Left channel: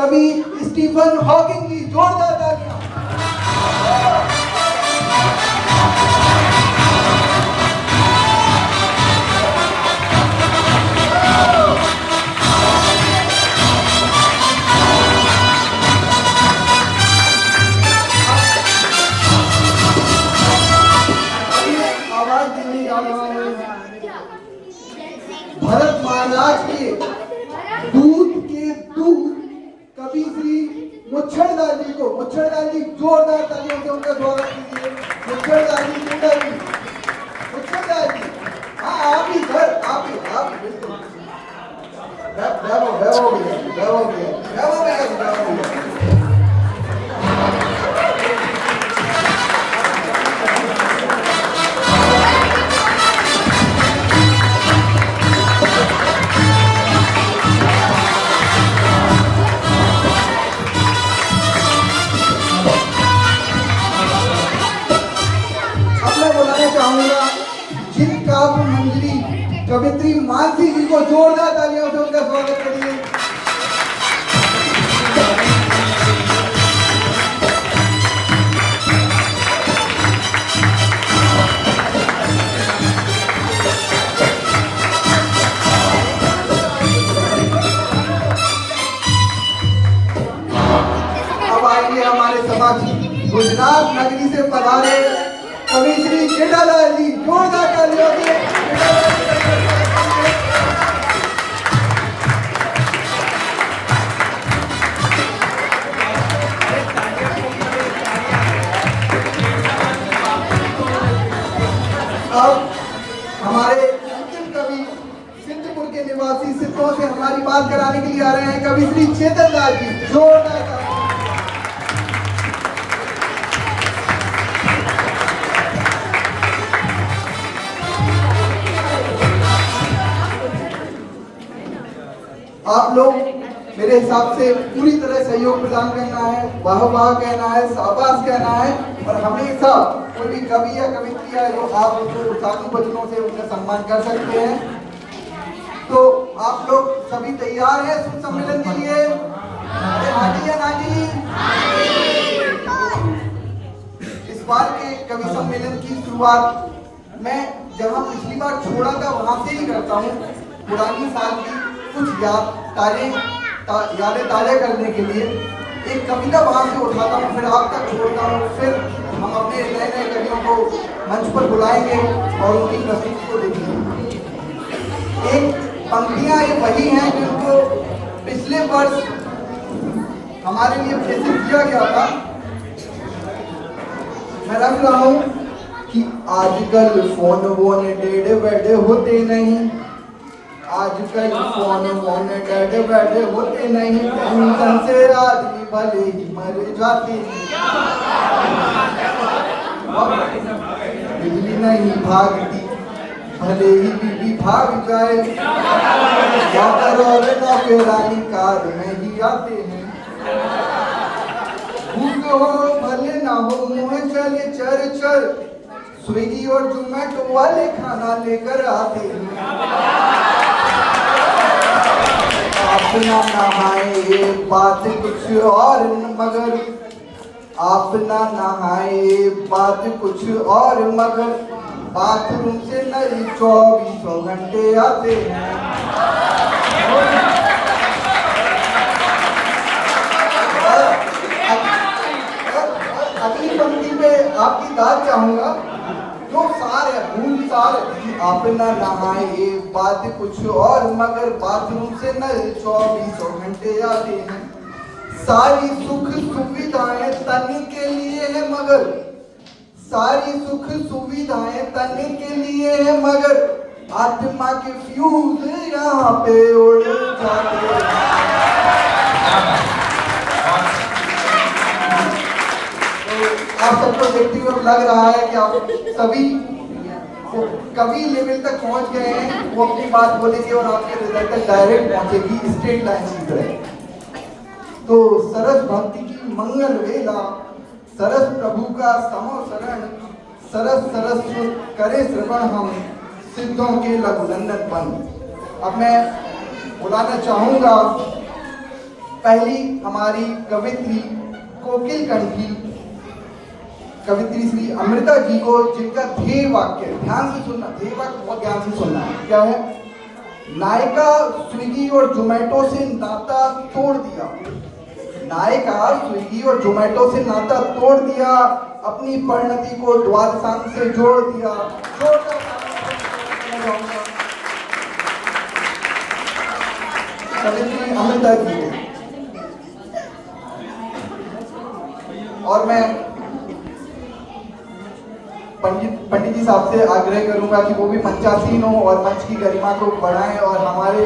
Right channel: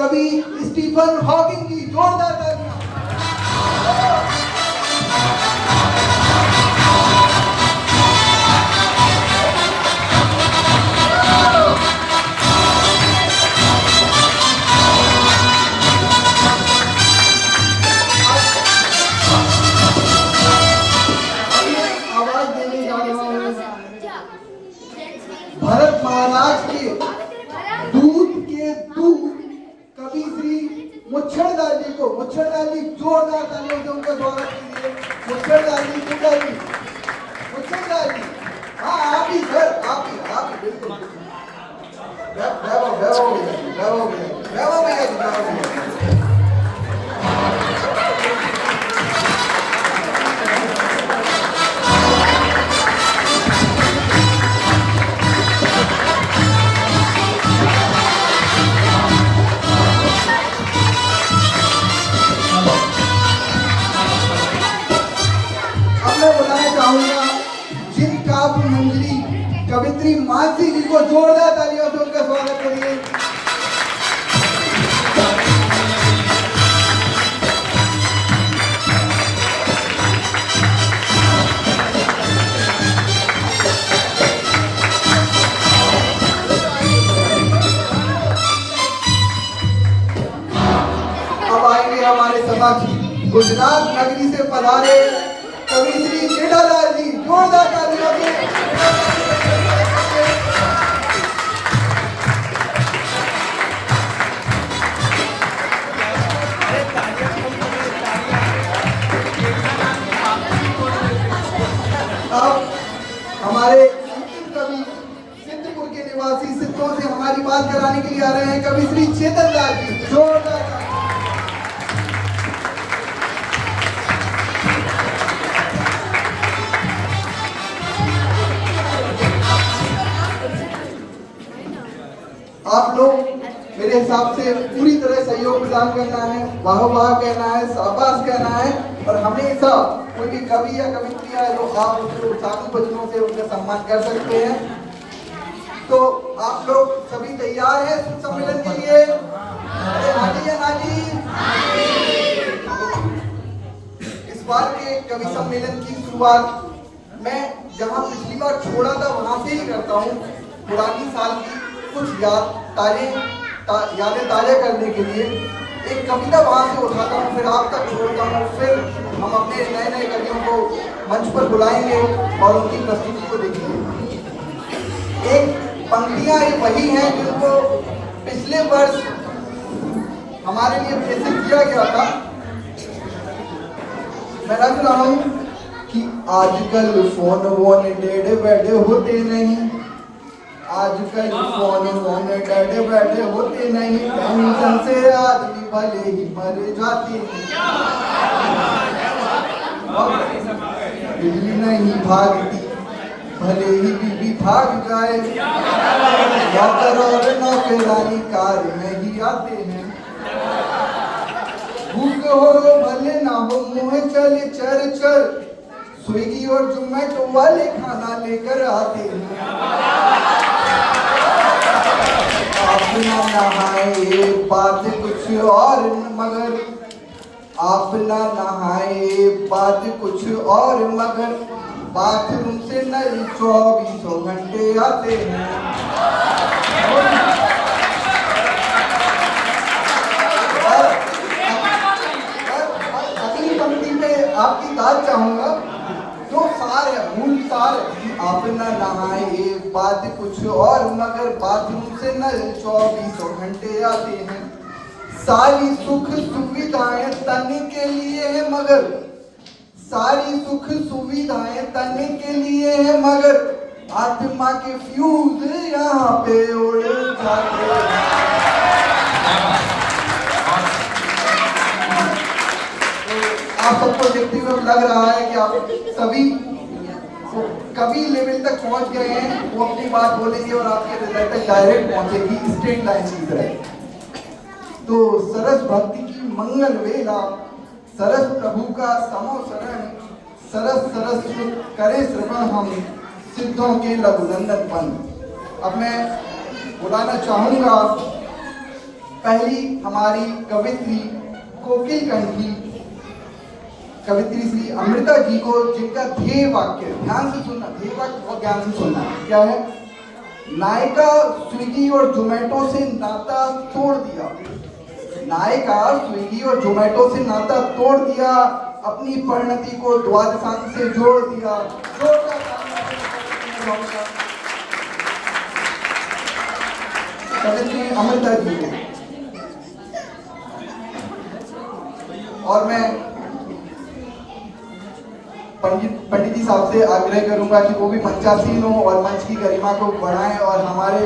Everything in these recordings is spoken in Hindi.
कवि स्टीफन हॉकिंग की जोरदार तालियां। आवाज देने जा रहा हूं भरत महाराज के दूध के दूध कवि श्री मुच्छड़दार जी को। मुच्छड़दार जी जोरदार तालियों से उनका स्वागत कीजिए। मुच्छड़दार जी, मुच्छड़दार जी, हाँ आप ही सर, आप ही बिल्कुल। कवित्री मानसी जी को जोरदार तालियों से उनका स्वागत करिए। अब आएंगे हमारे समक्ष गुजरात नगरी से पधारे कवि श्री जेठालाल जी, जोरदार तालियों से। हमारे कवि सिद्धपुर के निवासी सिद्धों से हमारी बात कराने के लिए आ रहे हैं कवि श्री चेतन लाल जी, जोरदार। आप लोग मेरे हिसाब से पूरी तरह सहयोग प्रदान करना है, वाह वाह कहना है, शाबाश कहना है और हमेशा कोई भी कवि या कवित्री है जो आप उसको साधु वचनों से उनका सम्मान कर सकते हैं। तो आप लोग सभी तैयार हैं सुर सम्मेलन के लिए? हाजी या नाजी? इस बार के कवि सम्मेलन की शुरुआत मैं जहां पिछली बार छोड़ा था वहां से ही करता हूँ। पुरानी साल की कुछ यादें ताज़ा करने के लिए एक कविता वहां से उठाता हूँ, फिर आप तक छोड़ता हूँ, फिर हम अपने नए नए कवियों को मंच पर बुलाएंगे और उनकी प्रस्तुति को देखेंगे। एक पंक्तियां वही हैं जिनको पिछले वर्ष हमारे लिए प्रेषित किया गया था। मैं रख रहा हूँ कि आजकल फोन वोन टेढ़े बैठे होते नहीं, आजकल फोन वोन टेढ़े बैठे होते नहीं, टेंशन से आदमी भले ही मर जाते हैं। बिजली नहीं भागती भले ही बीबी भाग जाए, और नौकरानी कार में ही आते हैं। भूख हो भले ना हो मुँह चले चर चर, स्विगी और जोमेटो वाले खाना लेकर आते हैं। अपना नहाए बात कुछ और मगर, अपना नहाए बात कुछ और मगर, बाथरूम से नई 24 घंटे आते हैं। अगली पंक्ति पे आपकी दाद चाहूंगा, जो सार है, मूल सार है। अपना नहाए बात कुछ और मगर, बाथरूम से नए 24 घंटे आते हैं। सारी सुख सुविधाएं तन के लिए है मगर, सारी सुख सुविधाएं तन के लिए है मगर, आत्मा के फ्यूज यहाँ पे उड़ जाते हैं। आप सबको देखते हुए लग रहा है कि आप सभी कवि लेवल तक पहुंच गए हैं। वो अपनी बात बोलेंगे और आपके हृदय तक डायरेक्ट पहुंचेगी, स्ट्रेट लाइन की तरह। तो सरस भक्ति की मंगल वेला, सरस प्रभु का समो शरण, सरस सरस करे श्रवण हम सिद्धों के लघुनंदन बन। अब मैं बुलाना चाहूंगा पहली हमारी कवित्री कोकिल कंठी कवित्री श्री अमृता जी को, जिनका ध्येय वाक्य, ध्यान से सुनना, ध्येय वाक्य बहुत ध्यान से सुनना, क्या है? नायिका स्विगी और जोमेटो से नाता तोड़ दिया। नायिका स्विगी और जोमेटो से नाता तोड़ दिया, अपनी परिणति को द्वादशांक से जोड़ दिया। कवित्री अमृता जी। और मैं पंडित जी साहब से आग्रह करूंगा कि वो भी मंचासीन हो और मंच की गरिमा को बढ़ाएं और हमारे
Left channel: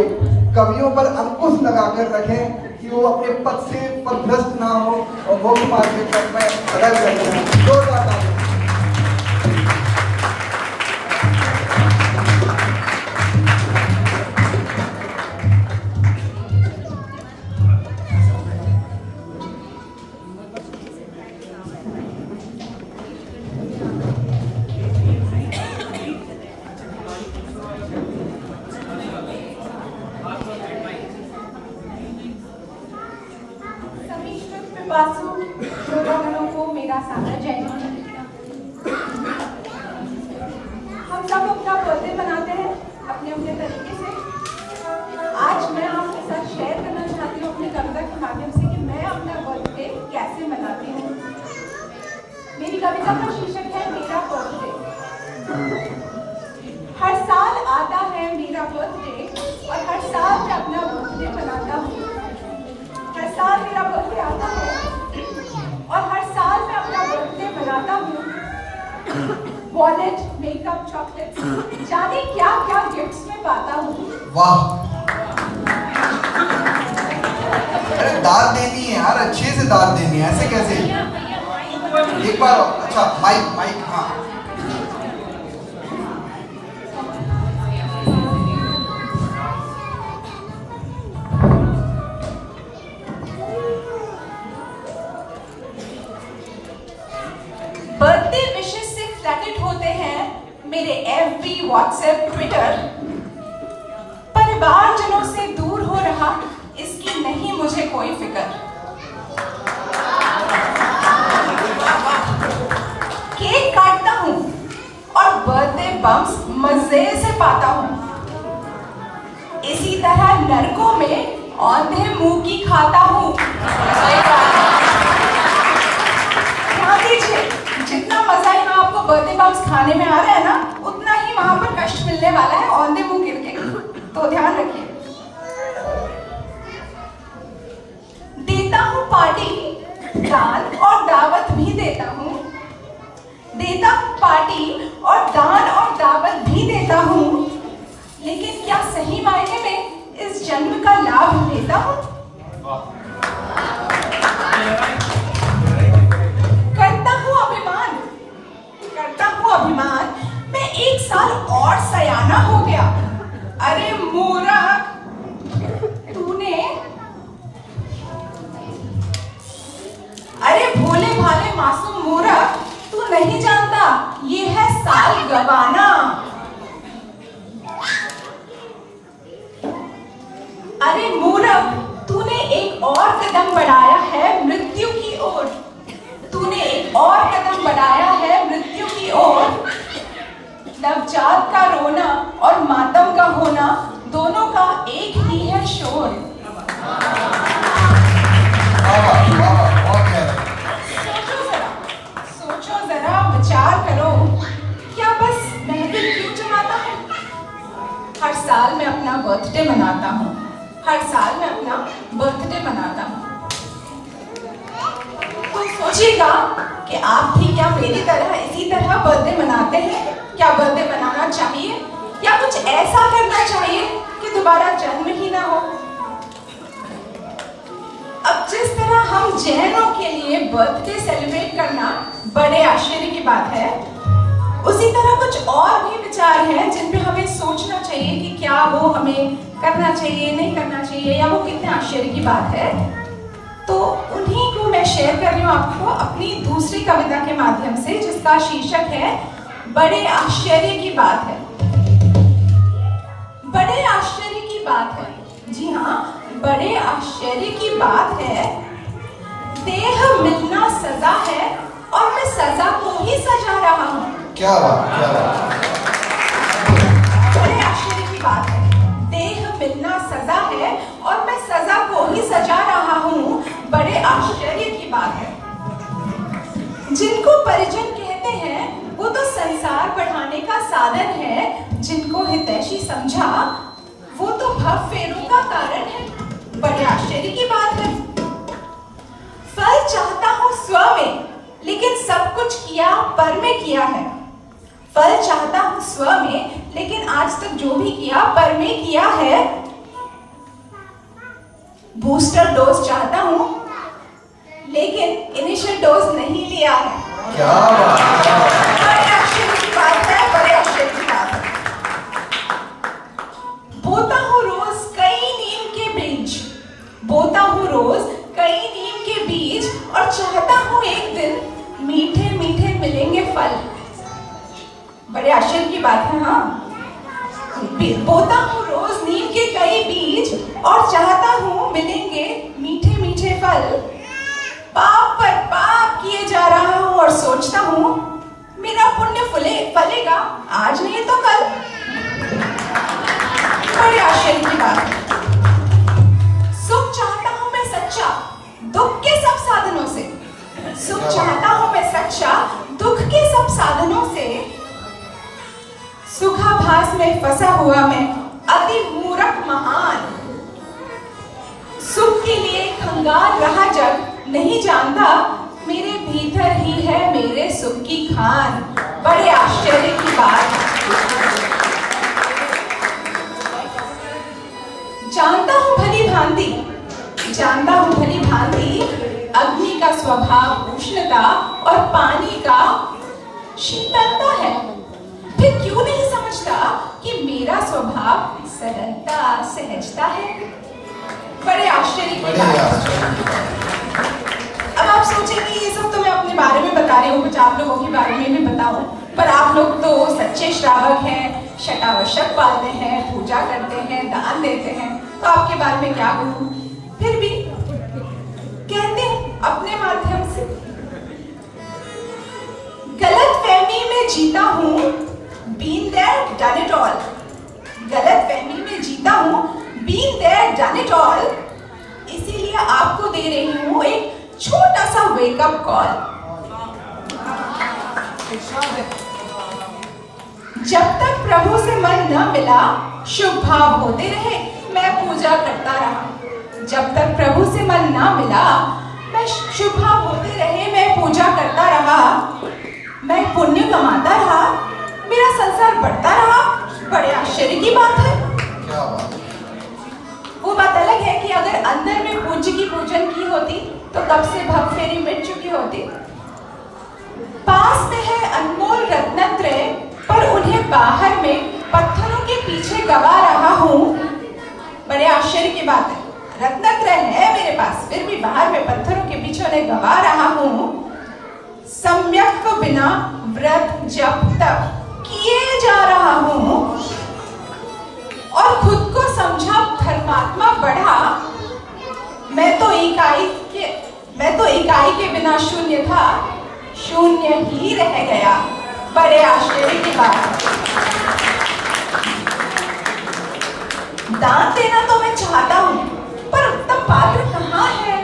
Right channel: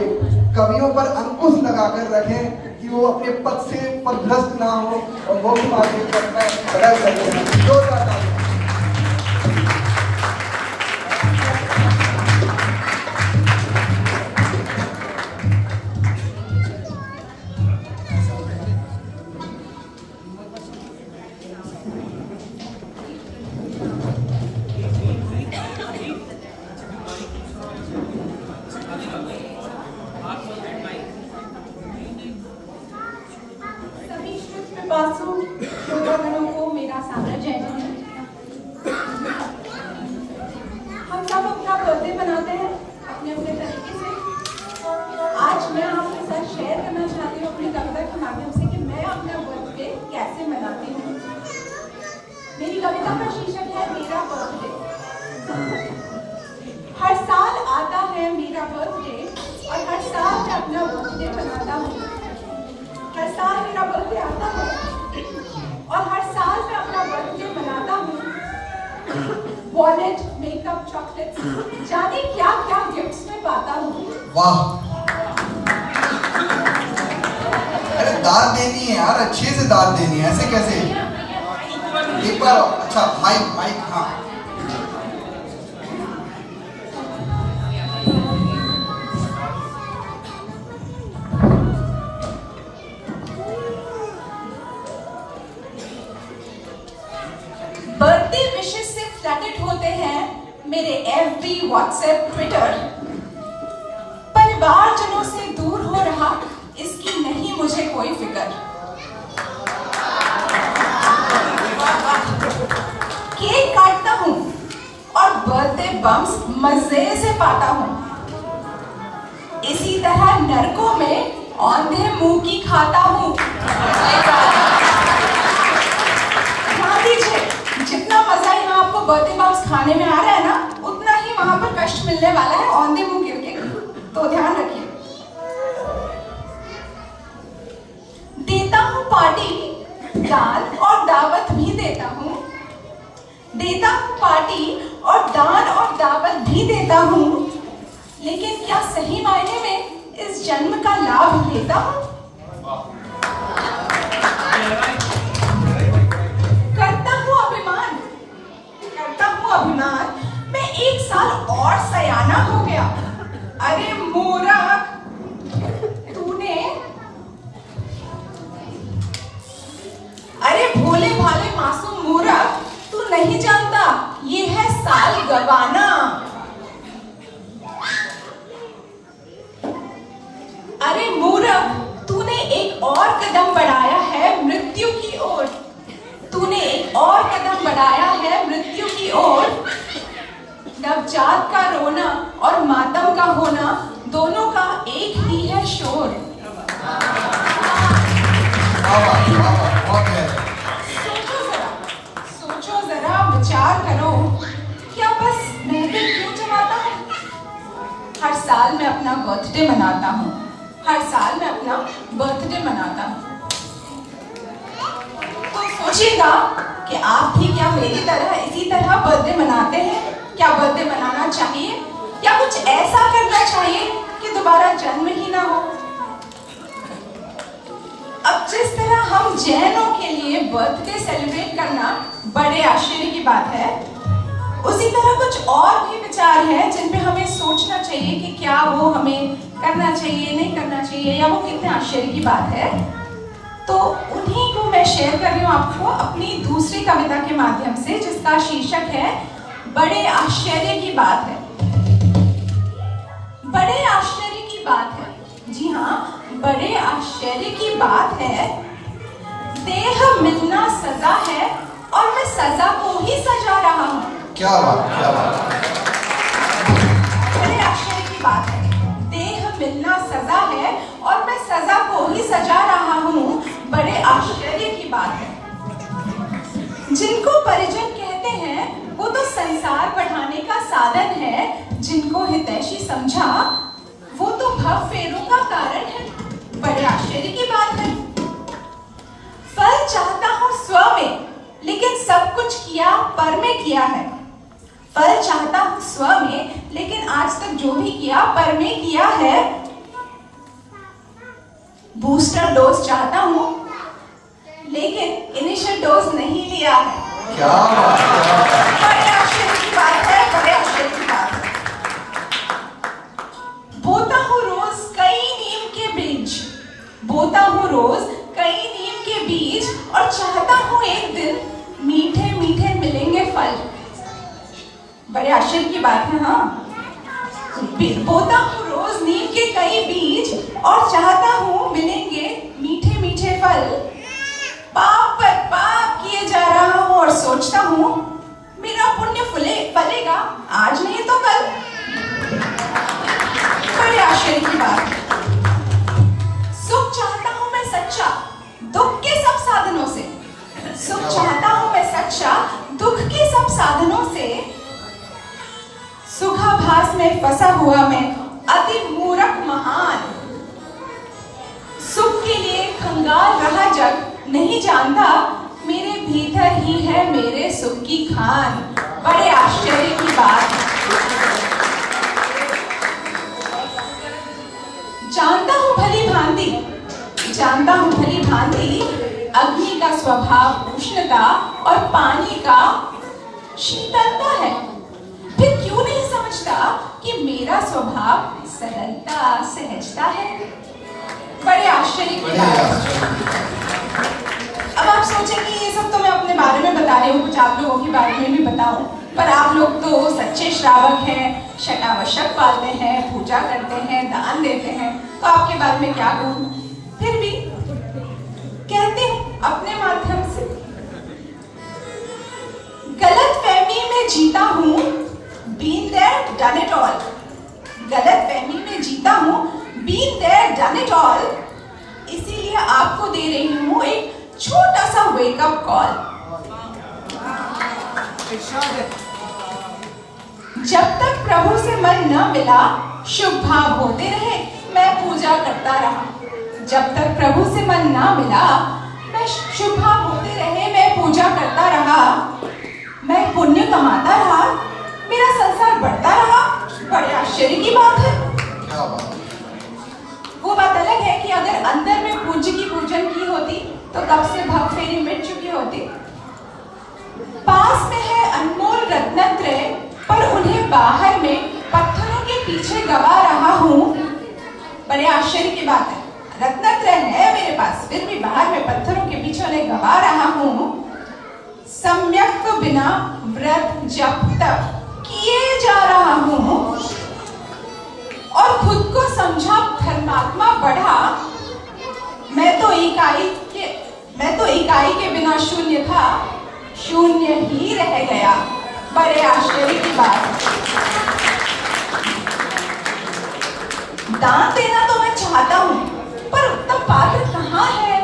कवियों पर अंकुश लगाकर रखें कि वो अपने पद से पदभ्रष्ट ना हो और मोक्ष मार्ग में सदैव करते हैं। श्रोतागणों को मेरा सादर जय हिंद। हम सब अपना बर्थडे मनाते हैं अपने अपने तरीके से। आज मैं आपके साथ शेयर करना चाहती हूँ अपनी कविता के माध्यम से कि मैं अपना बर्थडे कैसे मनाती हूँ। मेरी कविता का शीर्षक है मेरा बर्थडे। हर साल आता है मेरा बर्थडे और हर साल मैं अपना बर्थडे मनाता हूँ। हर साल मेरा बर्थडे आता है और हर साल मैं अपना बर्थडे मनाता हूँ। वॉलेट, मेकअप, चॉकलेट्स, जाने क्या क्या गिफ्ट्स में पाता हूँ। वाह, अरे दाद देनी है यार, अच्छे से दाद देनी है, ऐसे कैसे? एक बार, अच्छा माइक माइक, हाँ। बर्थडे विशेष से फ्लैटेड होते हैं मेरे FB, WhatsApp, Twitter। परिवारजनों से दूर हो रहा इसकी नहीं मुझे कोई फिक्र। केक काटता हूँ और बर्थडे बम्स मजे से पाता हूँ। इसी तरह नरकों में औंधे मुंह की खाता हूँ। जितना मजा यहाँ आपको बर्थडे बम्स खाने में आ रहा है ना, उतना ही वहां पर कष्ट मिलने वाला है औंधे मुंह गिर के, तो ध्यान रखिए। देता हूँ पार्टी, दान और दावत भी देता हूँ। देता हूँ पार्टी और दान और दावत भी देता हूँ, लेकिन क्या सही मायने में इस जन्म का लाभ लेता हूँ? अभिमान मैं 1 साल और सयाना हो गया। अरे मूर्ख, तूने, अरे भोले भाले मासूम मूर्ख, तू नहीं जानता ये है साल गवाना। अरे मूर्ख, तूने एक और कदम बढ़ाया है मृत्यु की ओर। तूने एक और कदम बढ़ाया है मृत्यु की ओर। नवजात का रोना और मातम का होना दोनों का एक ही है शोर। सोचो जरा, विचार करो, क्या बस महफिल क्यों जमाता हूँ? हर साल मैं अपना बर्थडे मनाता हूँ। हर साल मैं अपना बर्थडे मनाता हूँ। तो सोचिएगा कि आप भी क्या मेरी तरह इसी तरह बर्थडे मनाते हैं? क्या बर्थडे मनाना चाहिए या कुछ ऐसा करना चाहिए कि दोबारा जन्म ही ना हो? अब जिस तरह हम जैनों के लिए बर्थडे सेलिब्रेट करना बड़े आश्चर्य की बात है, उसी तरह कुछ और भी विचार हैं जिन पे हमें सोचना चाहिए कि क्या वो हमें करना चाहिए, नहीं करना चाहिए, या वो कितने आश्चर्य की बात है। तो उन्हीं को मैं शेयर कर रही हूँ आपको अपनी दूसरी कविता के माध्यम से, जिसका शीर्षक है बड़े आश्चर्य की बात है। बड़े आश्चर्य की बात है, जी हाँ, बड़े आश्चर्य की बात है। देह मिलना सजा है और मैं सजा को ही सजा रहा हूँ। क्या बात, क्या बात। बड़े आश्चर्य की बात है। देह मिलना सजा है और मैं सजा को ही सजा रहा हूँ। बड़े आश्चर्य की बात है। जिनको परिजन कहते हैं वो तो संसार बढ़ाने का साधन है। जिनको हितैषी समझा वो तो भव फेरों का कारण है। बड़े आश्चर्य की बात है। फल चाहता हूँ स्व में, लेकिन सब कुछ किया पर में किया है। फल चाहता हूँ स्व में, लेकिन आज तक जो भी किया पर में किया है। बूस्टर डोज चाहता हूँ, लेकिन इनिशियल डोज नहीं लिया है। क्या बात है। बड़े आश्चर्य की बात है। बड़े आश्चर्य की बात है। बोता हूँ रोज कई नीम के बीज, बोता हूँ रोज कई नीम के बीज, और चाहता हूँ एक दिन मीठे मीठे मिलेंगे फल। बड़े आश्चर्य की बात है। हाँ, बोता हूँ रोज नीम के कई बीज और चाहता हूँ मिलेंगे मीठे मीठे फल। पाप पर पाप किए जा रहा हूँ और सोचता हूँ मेरा पुण्य फलेगा आज नहीं तो कल। बड़े आश्चर्य की बात है। सुख चाहता हूँ मैं सच्चा, दुख के सब साधनों से। सुख चाहता हूँ मैं सच्चा, दुख के सब साधनों से। सुखाभास में फंसा हुआ मैं अति मूर्ख महान। सुख के लिए खंगाल रहा जग, नहीं जानता मेरे भीतर ही है मेरे सुख की खान। बड़े आश्चर्य की बात है। जानता हूँ भली भांति, जानता हूँ भली भांति अग्नि का स्वभाव उष्णता और पानी का शीतलता है। फिर क्यों नहीं समझता कि मेरा स्वभाव सरलता सहजता है। बड़े आश्चर्य की बात है। अब आप सोचेंगे ये सब तो मैं अपने बारे में बता रही हूँ, कुछ आप लोगों के बारे में भी बताऊं, पर आप लोग तो सच्चे श्रावक हैं, शतावशक पालते हैं, पूजा करते हैं, दान देते हैं, तो आपके बारे में क्या कहूँ। फिर भी कहती हूँ अपने माध्यम से। गलत फहमी में जीता हूँ, been there, done it all। गलत फहमी में जीता हूँ, been there, done it all। इसीलिए आपको दे रही हूँ एक छोटा सा वेकअप कॉल। जब तक प्रभु से मन न मिला, शुभ भाव होते रहे, मैं पूजा करता रहा। जब तक प्रभु से मन न मिला, मैं शुभ भाव होते रहे, मैं पूजा करता रहा। मैं पुण्य कमाता रहा, मेरा संसार बढ़ता रहा। बड़े आश्चर्य की बात है। क्या बात। वो बात अलग है कि अगर अंदर में पूज्य की पूजन की होती तो कब से भव फेरी मिट चुकी होती। पास में है अनमोल रत्नत्रय, पर उन्हें बाहर में पत्थरों के पीछे गवा रहा हूँ। बड़े आश्चर्य की बात है। रत्नत्रय है मेरे पास, फिर भी बाहर में पत्थरों के पीछे उन्हें गवा रहा हूँ। सम्यक बिना व्रत जप तप किए जा रहा हूँ और खुद को समझा धर्मात्मा बढ़ा। मैं तो इकाई के बिना शून्य था, शून्य ही रह गया। बड़े आश्चर्य की बात। दान देना तो मैं चाहता हूँ, पर उत्तम पात्र कहाँ है।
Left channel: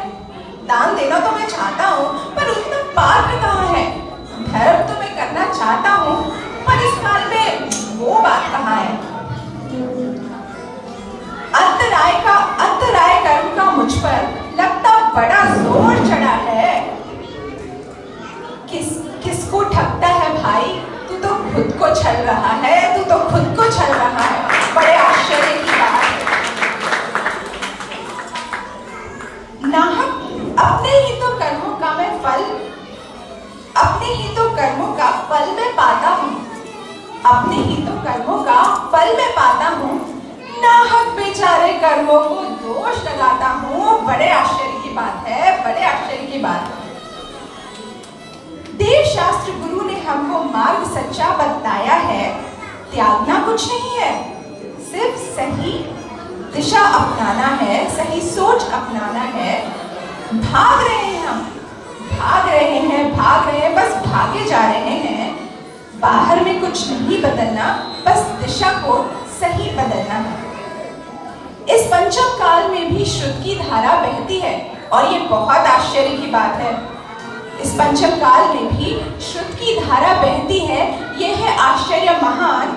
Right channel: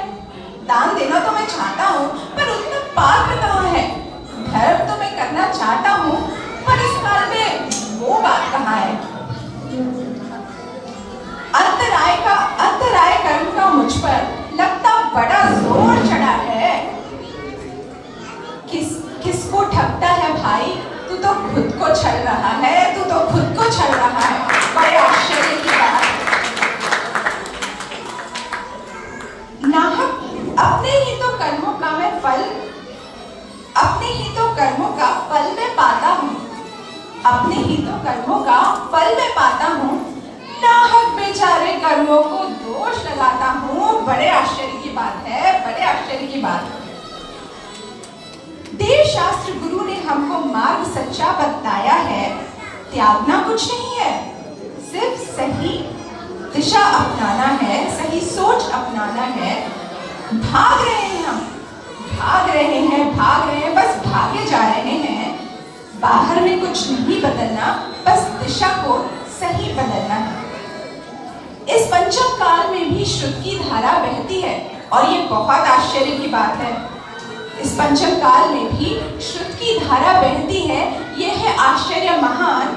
दान देना तो मैं चाहता हूँ, पर उत्तम पात्र कहाँ है। धर्म तो मैं करना चाहता हूँ, पर इस काल में वो बात कहाँ है। अंतराय कर्म का मुझ पर लगता बड़ा जोर चढ़ा है। किसको ठगता है भाई, तू तो खुद को छल रहा है, तू तो खुद को छल रहा है। बड़े आश्चर्य की बात। नाहक अपने भाग रहे हैं हम, भाग रहे हैं, बस भागे जा रहे हैं। बाहर में कुछ नहीं बदलना, बस दिशा को सही बदलना है। इस पंचम काल में भी शुद्ध की धारा बहती है और ये बहुत आश्चर्य की बात है। इस पंचम काल में भी शुद्ध की धारा बहती है, ये है आश्चर्य महान।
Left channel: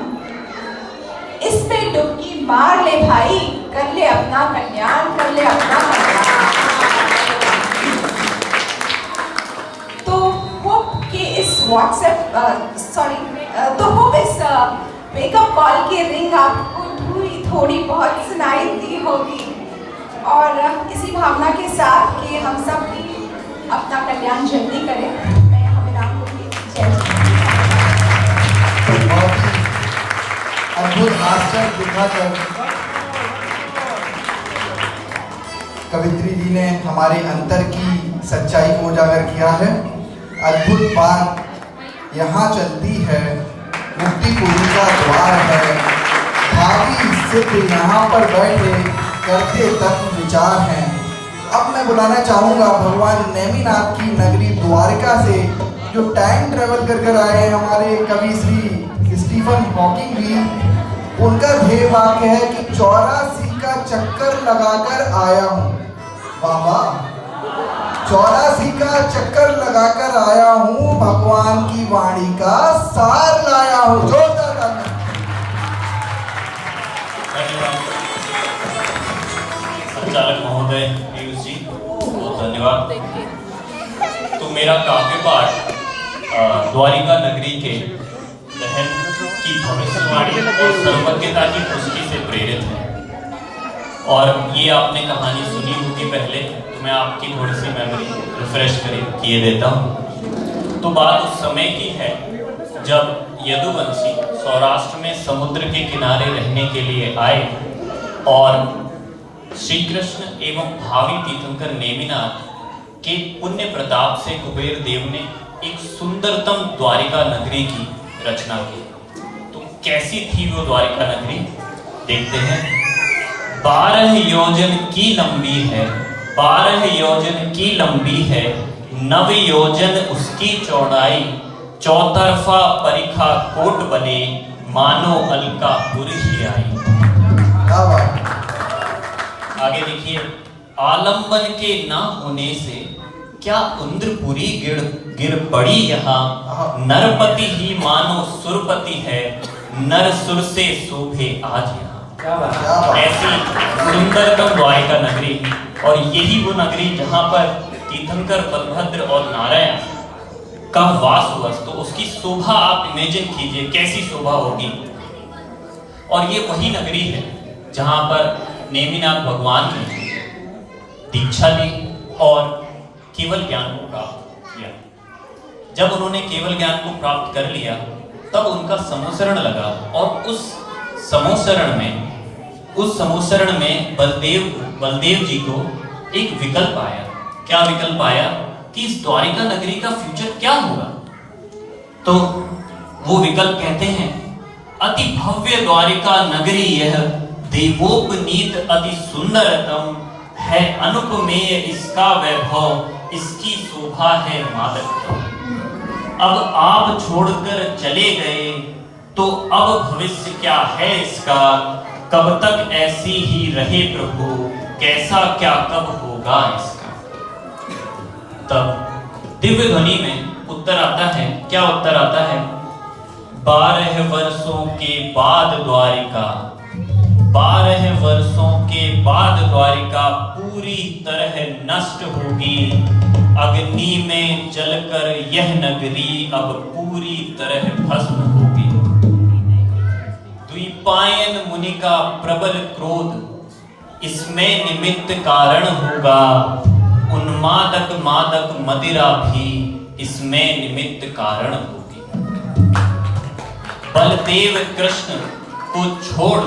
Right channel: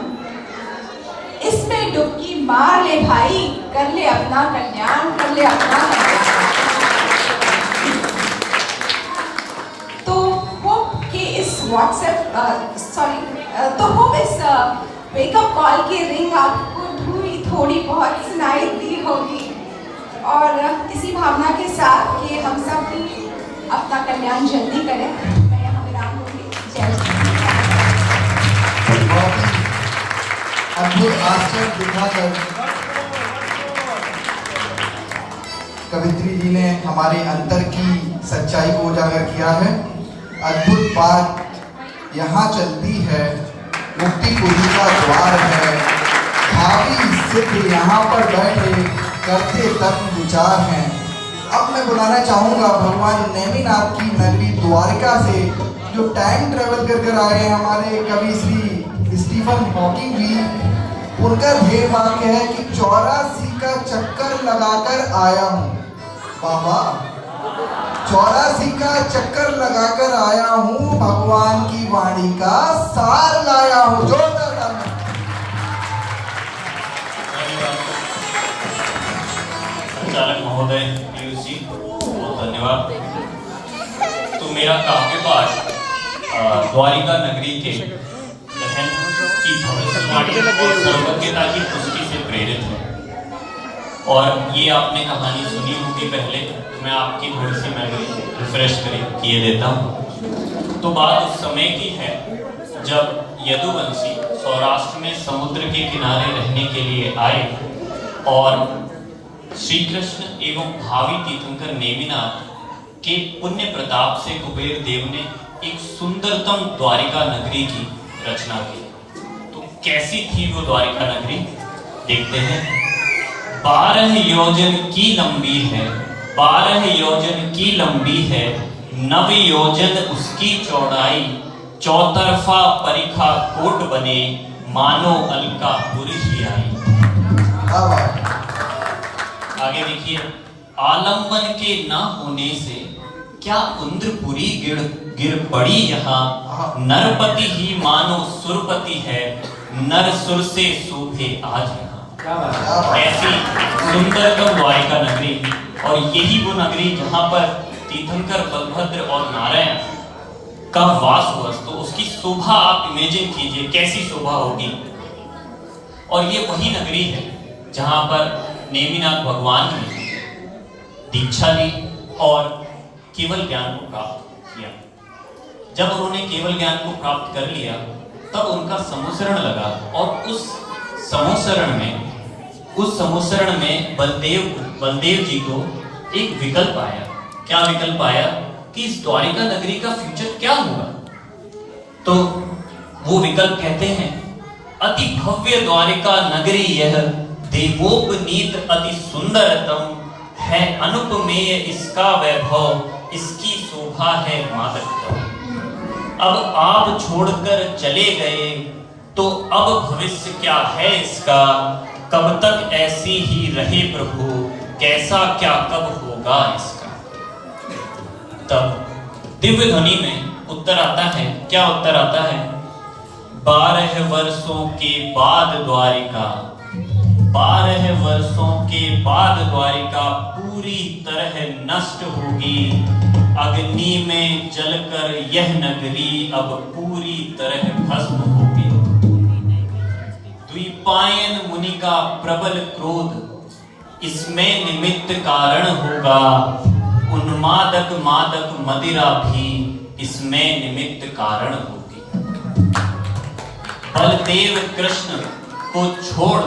इसमें डुबकी मार ले भाई, कर ले अपना कल्याण, कर ले अपना कल्याण। तो होप कि इस वेकअप कॉल की रिंग आपको थोड़ी बहुत सुनाई दी होगी, और इसी भावना के साथ कि हम सब भी अपना कल्याण जल्दी करें, मैं यहाँ विराम दूंगी। जय अद्भुत आश्चर्य दिखाकर कवित्री जी ने हमारे अंतर की सच्चाई को उजागर किया है। अद्भुत बात यहाँ चलती है, मुक्ति पूरी का द्वार है। भावी सिद्ध यहाँ पर बैठे करते तत्व विचार हैं। अब मैं बुलाना चाहूँगा भगवान नेमिनाथ की नगरी द्वारिका से जो टाइम ट्रेवल कर कर आए हैं हमारे कवि श्री स्टीफन हॉकिंग जी। उनका ध्येय वाक्य है कि 84 का चक्कर लगाकर आया हूँ। बाबा 84 का चक्कर लगाकर आया हूँ, भगवान की वाणी का सार लाया हूँ। जोरदार संचालक महोदय, पीयूष जी, बहुत धन्यवाद। तो मेरा काव्य पाठ द्वारिका नगरी के दहन की भविष्यवाणी और सर्वज्ञता की पुष्टि से प्रेरित है। और ये आपने कहानी सुनी होगी पहले, तो मैं आपकी थोड़ी सी मेमोरी रिफ्रेश किए देता हूँ। तो बात उस समय की है जब यदुवंशी सौराष्ट्र में समुद्र के किनारे रहने के लिए आए और श्री कृष्ण एवं भावी तीर्थंकर नेमिनाथ के पुण्य प्रताप से कुबेर देव ने एक सुंदरतम द्वारिका नगरी की रचना की। तो कैसी थी वो द्वारिका नगरी, देखते हैं। 12 योजन की लंबी है, 12 योजन की लंबी है, 9 योजन उसकी चौड़ाई, चौतरफा परिखा कोट बने, मानो अलकापुर ही आई। आगे देखिए, आलंबन के ना होने से क्या इंद्रपुरी गिर पड़ी यहाँ, नरपति ही मानो सुरपति है, नर सुर से शोभे आज यहाँ। ऐसी सुंदरतम द्वारिका नगरी, और यही वो नगरी जहाँ पर तीर्थंकर, बलभद्र और नारायण का वास हुआ। तो उसकी शोभा आप इमेजिन कीजिए, कैसी शोभा होगी। और ये वही नगरी है जहाँ पर नेमिनाथ भगवान ने दीक्षा ली और केवल ज्ञान को प्राप्त किया। जब उन्होंने केवल ज्ञान को प्राप्त कर लिया, तब उनका समोसरण लगा, और उस समोसरण में बलदेव जी को एक विकल्प आया। क्या विकल्प आया कि इस द्वारिका नगरी का फ्यूचर क्या होगा। तो वो विकल्प कहते हैं, अति भव्य द्वारिका नगरी यह, देवोपनीत अति सुंदरतम है, अनुपमेय इसका वैभव, इसकी शोभा है मातृत्व। अब आप छोड़कर चले गए तो अब भविष्य क्या है इसका, कब तक ऐसी ही रहे प्रभु, कैसा क्या कब होगा इसका। तब दिव्य ध्वनि में उत्तर आता है। क्या उत्तर आता है? 12 वर्षों के बाद द्वारिका, 12 वर्षों के बाद द्वारिका पूरी तरह नष्ट होगी, अग्नि में जलकर यह नगरी अब पूरी तरह भस्म होगी। द्विपायन मुनि का प्रबल क्रोध इसमें निमित्त कारण होगा, उन्मादक मादक मदिरा भी इसमें निमित्त कारण होगी। बलदेव कृष्ण को छोड़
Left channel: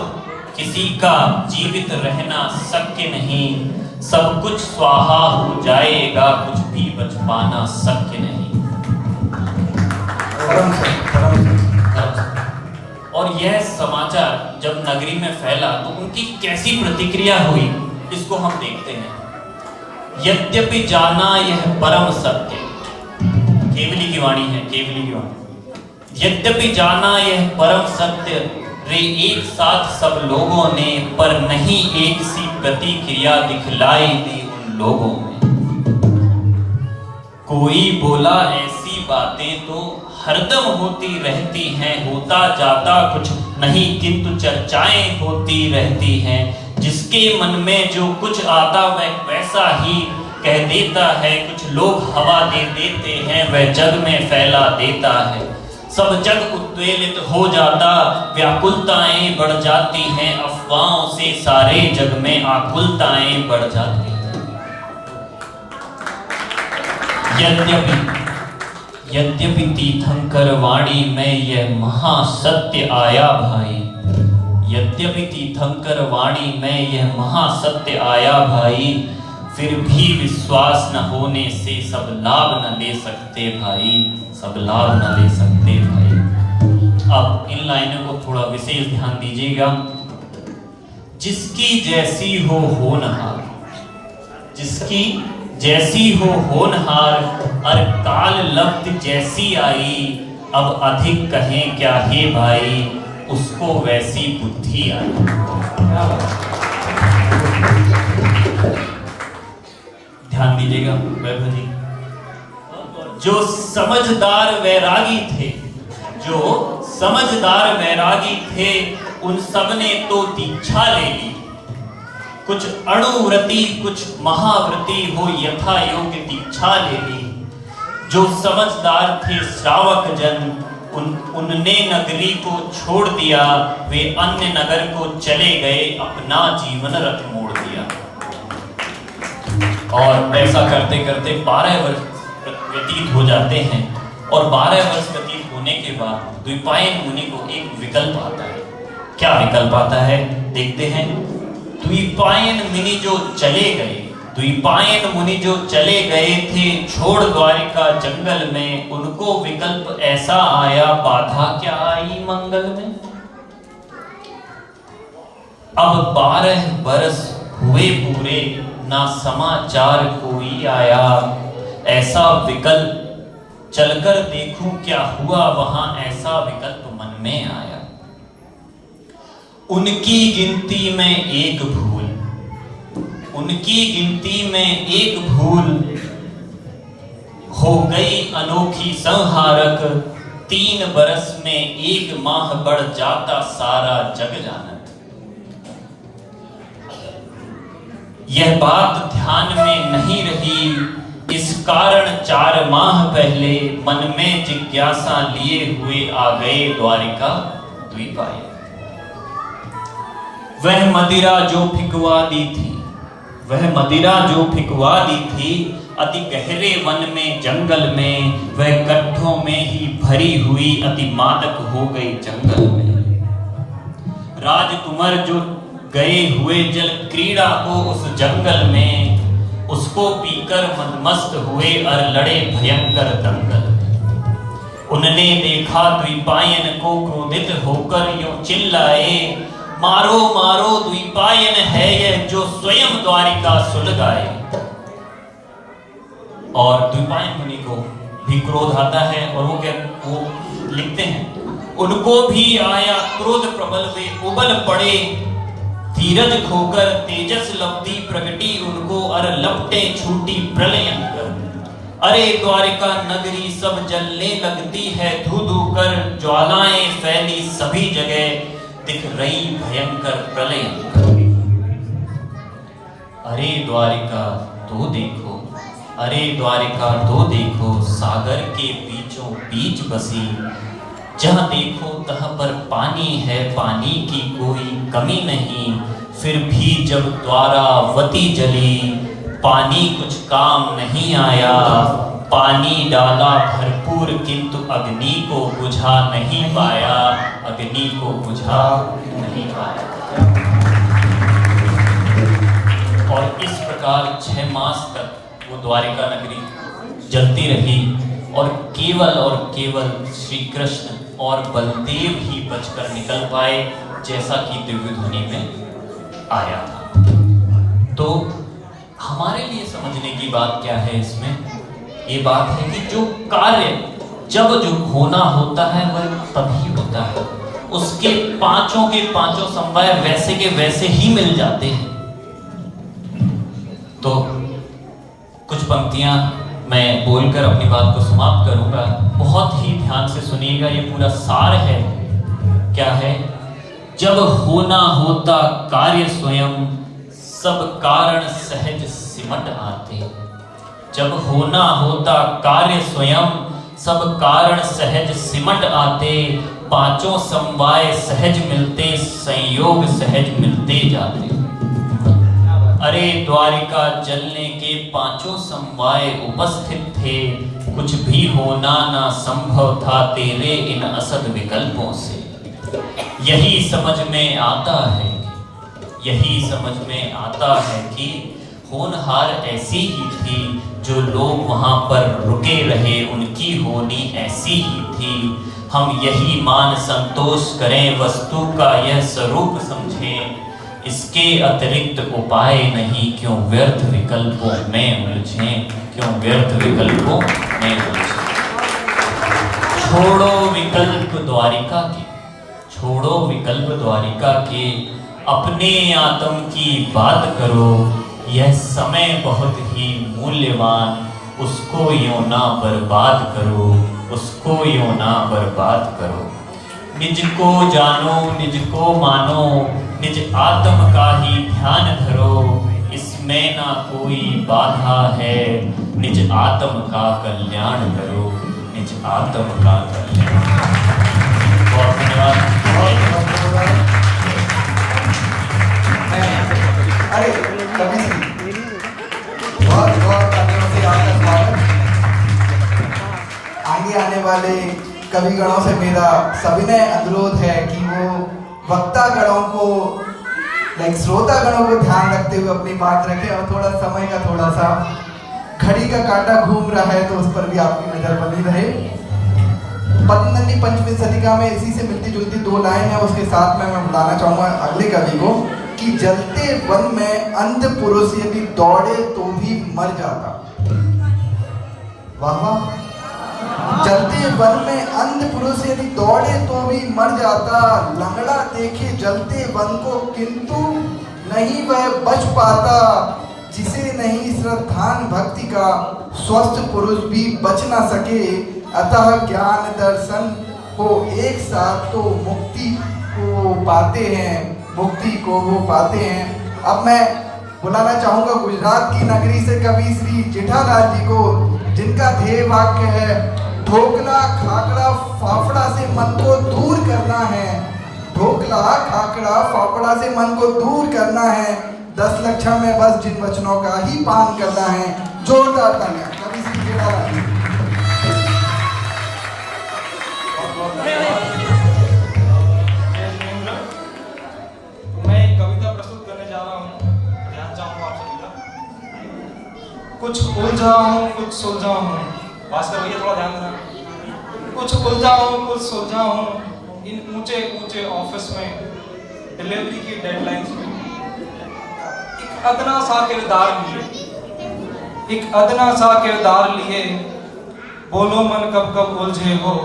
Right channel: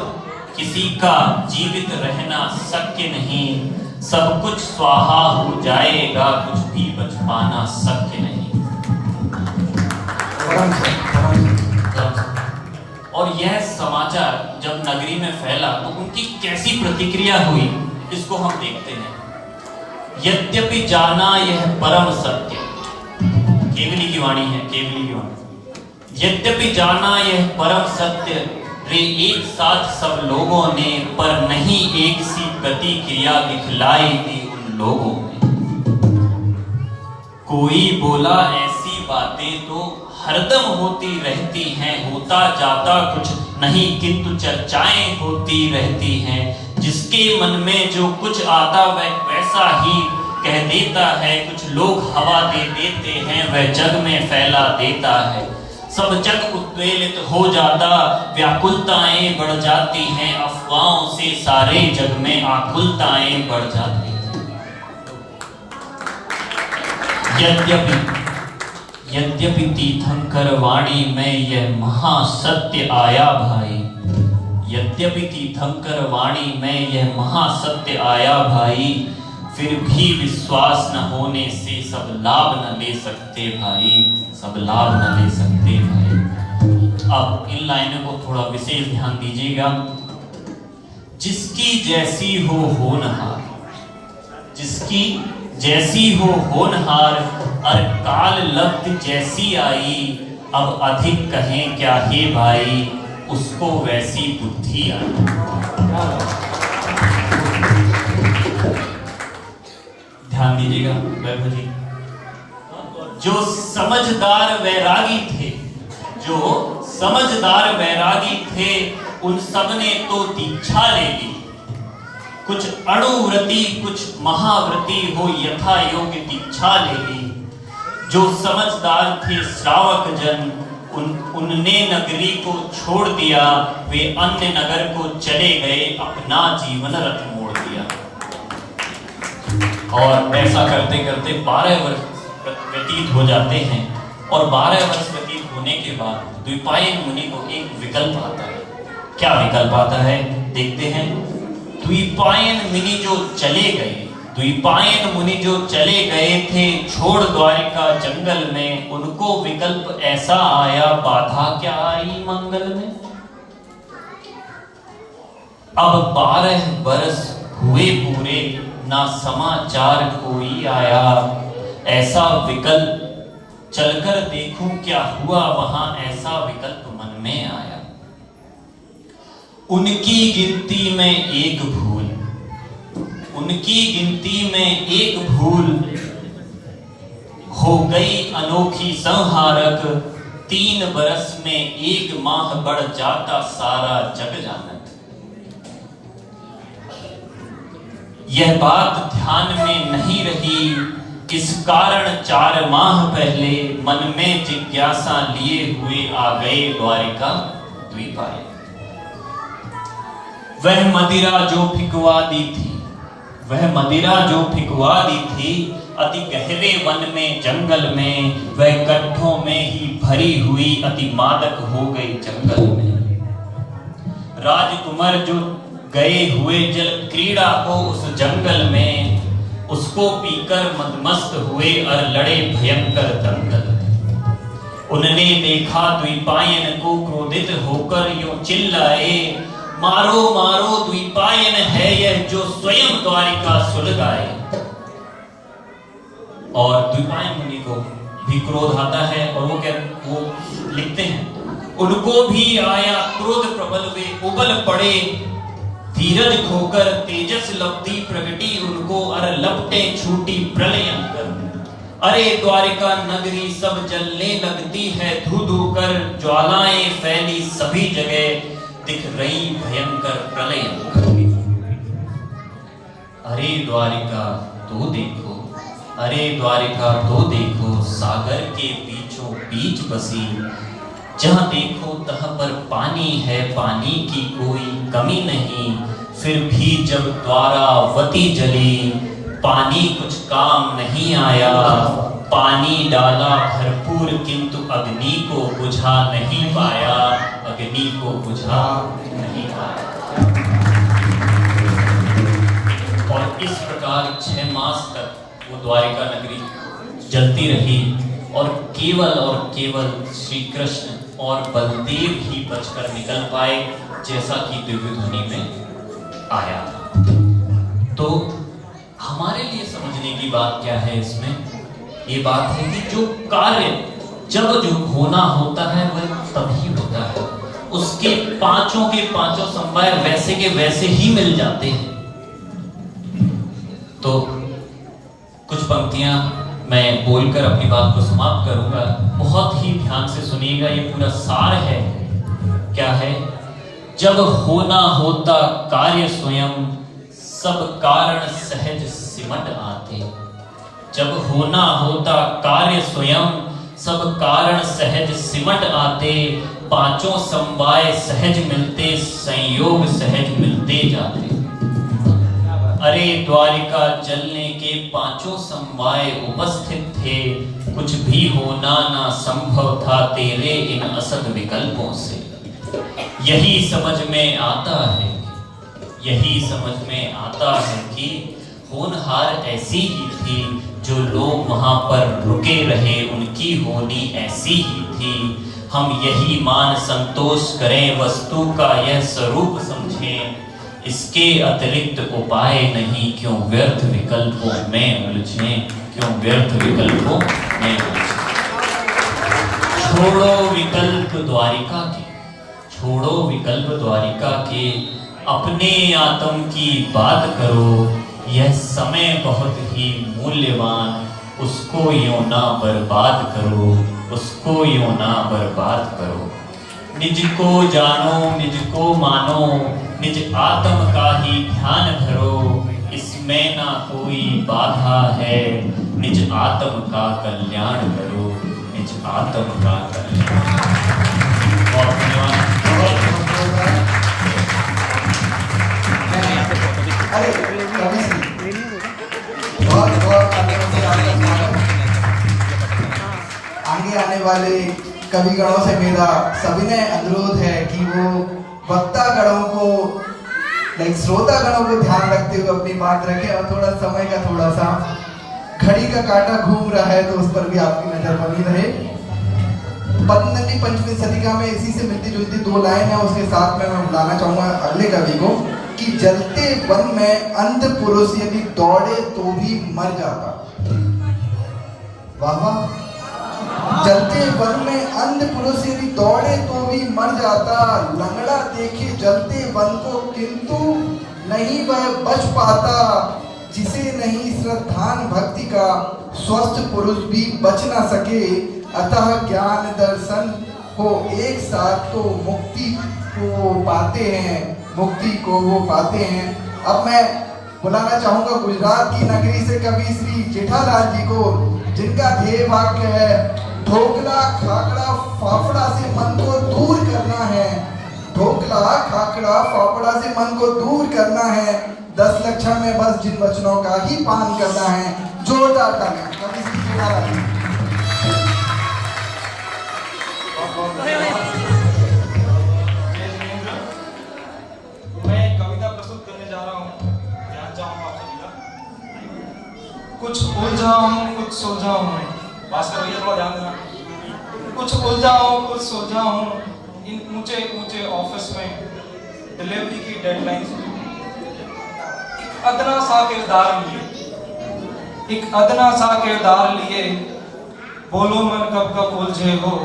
किसी का जीवित रहना शक्य नहीं, सब कुछ स्वाहा हो जाएगा, कुछ भी बच पाना शक्य नहीं। और यह समाचार जब नगरी में फैला तो उनकी कैसी प्रतिक्रिया हुई, इसको हम देखते हैं। यद्यपि जाना यह परम सत्य, केवली की वाणी है, केवली की वाणी। यद्यपि जाना यह परम सत्य, रे एक साथ सब लोगों ने, पर नहीं एक सी प्रतिक्रिया दिखलाई दी उन लोगों में। कोई बोला ऐसी बातें तो हरदम होती रहती हैं, होता जाता कुछ नहीं किंतु चर्चाएं होती रहती हैं। जिसके मन में जो कुछ आता वह वैसा ही कह देता है, कुछ लोग हवा दे देते हैं वह जग में फैला देता है। सब जग उद्वेलित हो जाता, व्याकुलताएं बढ़ जाती हैं, अफवाहों से सारे जग में आकुलताएं बढ़ जाती हैं। यद्यपि तीर्थंकर वाणी में यह महासत्य आया भाई, यद्यपि तीर्थंकर वाणी में यह महासत्य आया भाई, फिर भी विश्वास न होने से सब लाभ न ले सकते भाई, सब लाभ न ले सकते भाई। अब इन लाइनों को थोड़ा विशेष ध्यान दीजिएगा। जिसकी जैसी हो होनहार, जिसकी जैसी हो होनहार, और काल लब्ध जैसी आई, अब अधिक कहें क्या हे भाई, उसको वैसी बुद्धि आई। ध्यान दीजिएगा वैभव जी। जो समझदार वैरागी थे, जो समझदार वैरागी थे, उन सब ने तो दीक्षा ले ली। कुछ अणुव्रती कुछ महाव्रती हो यथा योग्य दीक्षा ले ली। जो समझदार थे श्रावक जन, उनने नगरी को छोड़ दिया, वे अन्य नगर को चले गए, अपना जीवन रथ मोड़ दिया। और ऐसा करते करते 12 वर्ष व्यतीत हो जाते हैं, और 12 वर्ष व्यतीत होने के बाद द्विपायन मुनि को एक विकल्प आता है। क्या विकल्प आता है देखते हैं। द्विपायन मुनि जो चले गए, द्विपायन मुनि जो चले गए थे छोड़ द्वारिका जंगल में, उनको विकल्प ऐसा आया, बाधा क्या आई मंगल में। अब 12 बरस हुए पूरे, ना समाचार कोई आया। ऐसा विकल्प चलकर देखूं क्या हुआ वहां, ऐसा विकल्प मन में आया। उनकी गिनती में एक भूल, उनकी गिनती में एक भूल, हो गई अनोखी संहारक। 3 बरस में 1 माह बढ़ जाता सारा जग जानत। यह बात ध्यान में नहीं रही, इस कारण 4 माह पहले मन में जिज्ञासा लिए हुए आ गए द्वारिका द्विपायन। वह मदिरा जो फिकवा दी थी, वह मदिरा जो फिकवा दी थी, अति गहरे वन में जंगल में, वह गड्ढों में ही भरी हुई अति मादक हो गई जंगल में। राजकुमार जो गए हुए जल क्रीड़ा को उस जंगल में, उसको पीकर मदमस्त हुए और लड़े भयंकर दंगल में। उन्होंने देखा द्विपायन को, क्रोधित होकर यूं चिल्लाए, मारो मारो द्विपायन है यह जो स्वयं द्वारिका सुलगाए। और द्विपायन मुनि को भी क्रोध आता है, और वो लिखते हैं, उनको भी आया क्रोध प्रबल, वे उबल पड़े, धीरज खोकर तेजस लब्धि प्रगटी उनको, अर लपटे छूटी प्रलयंकर। अरे द्वारिका नगरी सब जलने लगती है, धू धू कर ज्वालाएं फैली सभी जगह, दिख रही भयंकर प्रलयंकर। अरे द्वारिका तो देखो, अरे द्वारिका तो देखो, सागर के बीचों बीच बसी, जहां देखो तहां पर पानी है, पानी की कोई कमी नहीं। फिर भी जब द्वारावती जली, पानी कुछ काम नहीं आया। पानी डाला भरपूर किंतु अग्नि को बुझा नहीं पाया, अग्नि को बुझा नहीं पाया। और इस प्रकार 6 मास तक वो द्वारिका नगरी जलती रही, और केवल श्री कृष्ण और बलदेव ही बचकर निकल पाए, जैसा कि दिव्य ध्वनि में आया था। तो हमारे लिए समझने की बात क्या है इसमें? ये बात है कि जो कार्य जब जो होना होता है वह तभी होता है, उसके पांचों के पांचों समवाय वैसे के वैसे ही मिल जाते हैं। तो कुछ पंक्तियां मैं बोलकर अपनी बात को समाप्त करूंगा। बहुत ही ध्यान से सुनिएगा, ये पूरा सार है। क्या है? जब होना होता कार्य स्वयं, सब कारण सहज सिमट आते। जब होना होता कार्य स्वयं, सब कारण सहज सिमट आते। पांचों समवाय सहज मिलते, संयोग सहज मिलते जाते। अरे द्वारिका जलने के पांचों समवाय उपस्थित थे, कुछ भी होना ना संभव था तेरे इन असद विकल्पों से। यही समझ में आता है, यही समझ में आता है कि होनहार ऐसी ही थी, जो लोग वहां पर रुके रहे उनकी होनी ऐसी ही थी। हम यही मान संतोष करें, वस्तु का यह स्वरूप समझें, इसके अतिरिक्त उपाय नहीं, क्यों व्यर्थ विकल्पों में उलझें, क्यों व्यर्थ विकल्पों में उलझें। छोड़ो विकल्प द्वारिका के, छोड़ो विकल्प द्वारिका के, अपने आत्म की बात करो। यह समय बहुत ही मूल्यवान, उसको यूं ना बर्बाद करो, उसको यूं ना बर्बाद करो। निज को जानो, निज को मानो, निज आत्म का ही ध्यान धरो। इसमें ना कोई बाधा है, निज आत्म का कल्याण करो, निज आत्म का कल्याण। बहुत धन्यवाद। अरे कवि बहुत बहुत आदर से आपका स्वागत। आगे आने वाले कविगणों से मेरा सविनय अनुरोध है कि वो वक्तागणों को श्रोतागणों को ध्यान रखते हुए अपनी बात रखें, और थोड़ा समय का थोड़ा सा घड़ी का कांटा घूम रहा है तो उस पर भी आपकी नजर बनी रहे। पतंजलि पंचमी शतिका में इसी से मिलती जुलती दो लाइन है, उसके साथ में मैं बुलाना चाहूंगा अगले कवि को कि जलते वन में अंध पुरुष यदि दौड़े तो भी मर जाता। वाह वाह। जलते वन में अंध पुरुष यदि दौड़े तो भी मर जाता। लंगड़ा देखे जलते वन को किंतु नहीं वह बच पाता। जिसे नहीं श्रद्धान भक्ति का स्वस्थ पुरुष भी बच ना सके। अतः ज्ञान दर्शन को एक साथ तो मुक्ति को पाते हैं, मुक्ति को वो पाते हैं। अब मैं बुलाना चाहूंगा गुजरात की नगरी से कवि श्री जेठालाल जी को, जिनका ध्येय वाक्य है ढोकला खाकड़ा फाफड़ा से मन को दूर करना है। ढोकला खाकड़ा फाफड़ा से मन को दूर करना है। 10 लक्षण में बस जिन वचनों का ही पान करना है। जोरदार तालियां कवि श्री जेठालाल जी। कुछ उलझा हूँ कुछ सुलझा हूँ, भास्कर भैया थोड़ा ध्यान देना। कुछ उलझा हूँ कुछ सुलझा हूँ, इन ऊंचे ऊंचे ऑफिस में डिलीवरी की डेडलाइंस में। एक अदना सा किरदार लिए, एक अदना सा किरदार लिए, बोलो मन कब कब उलझे हो,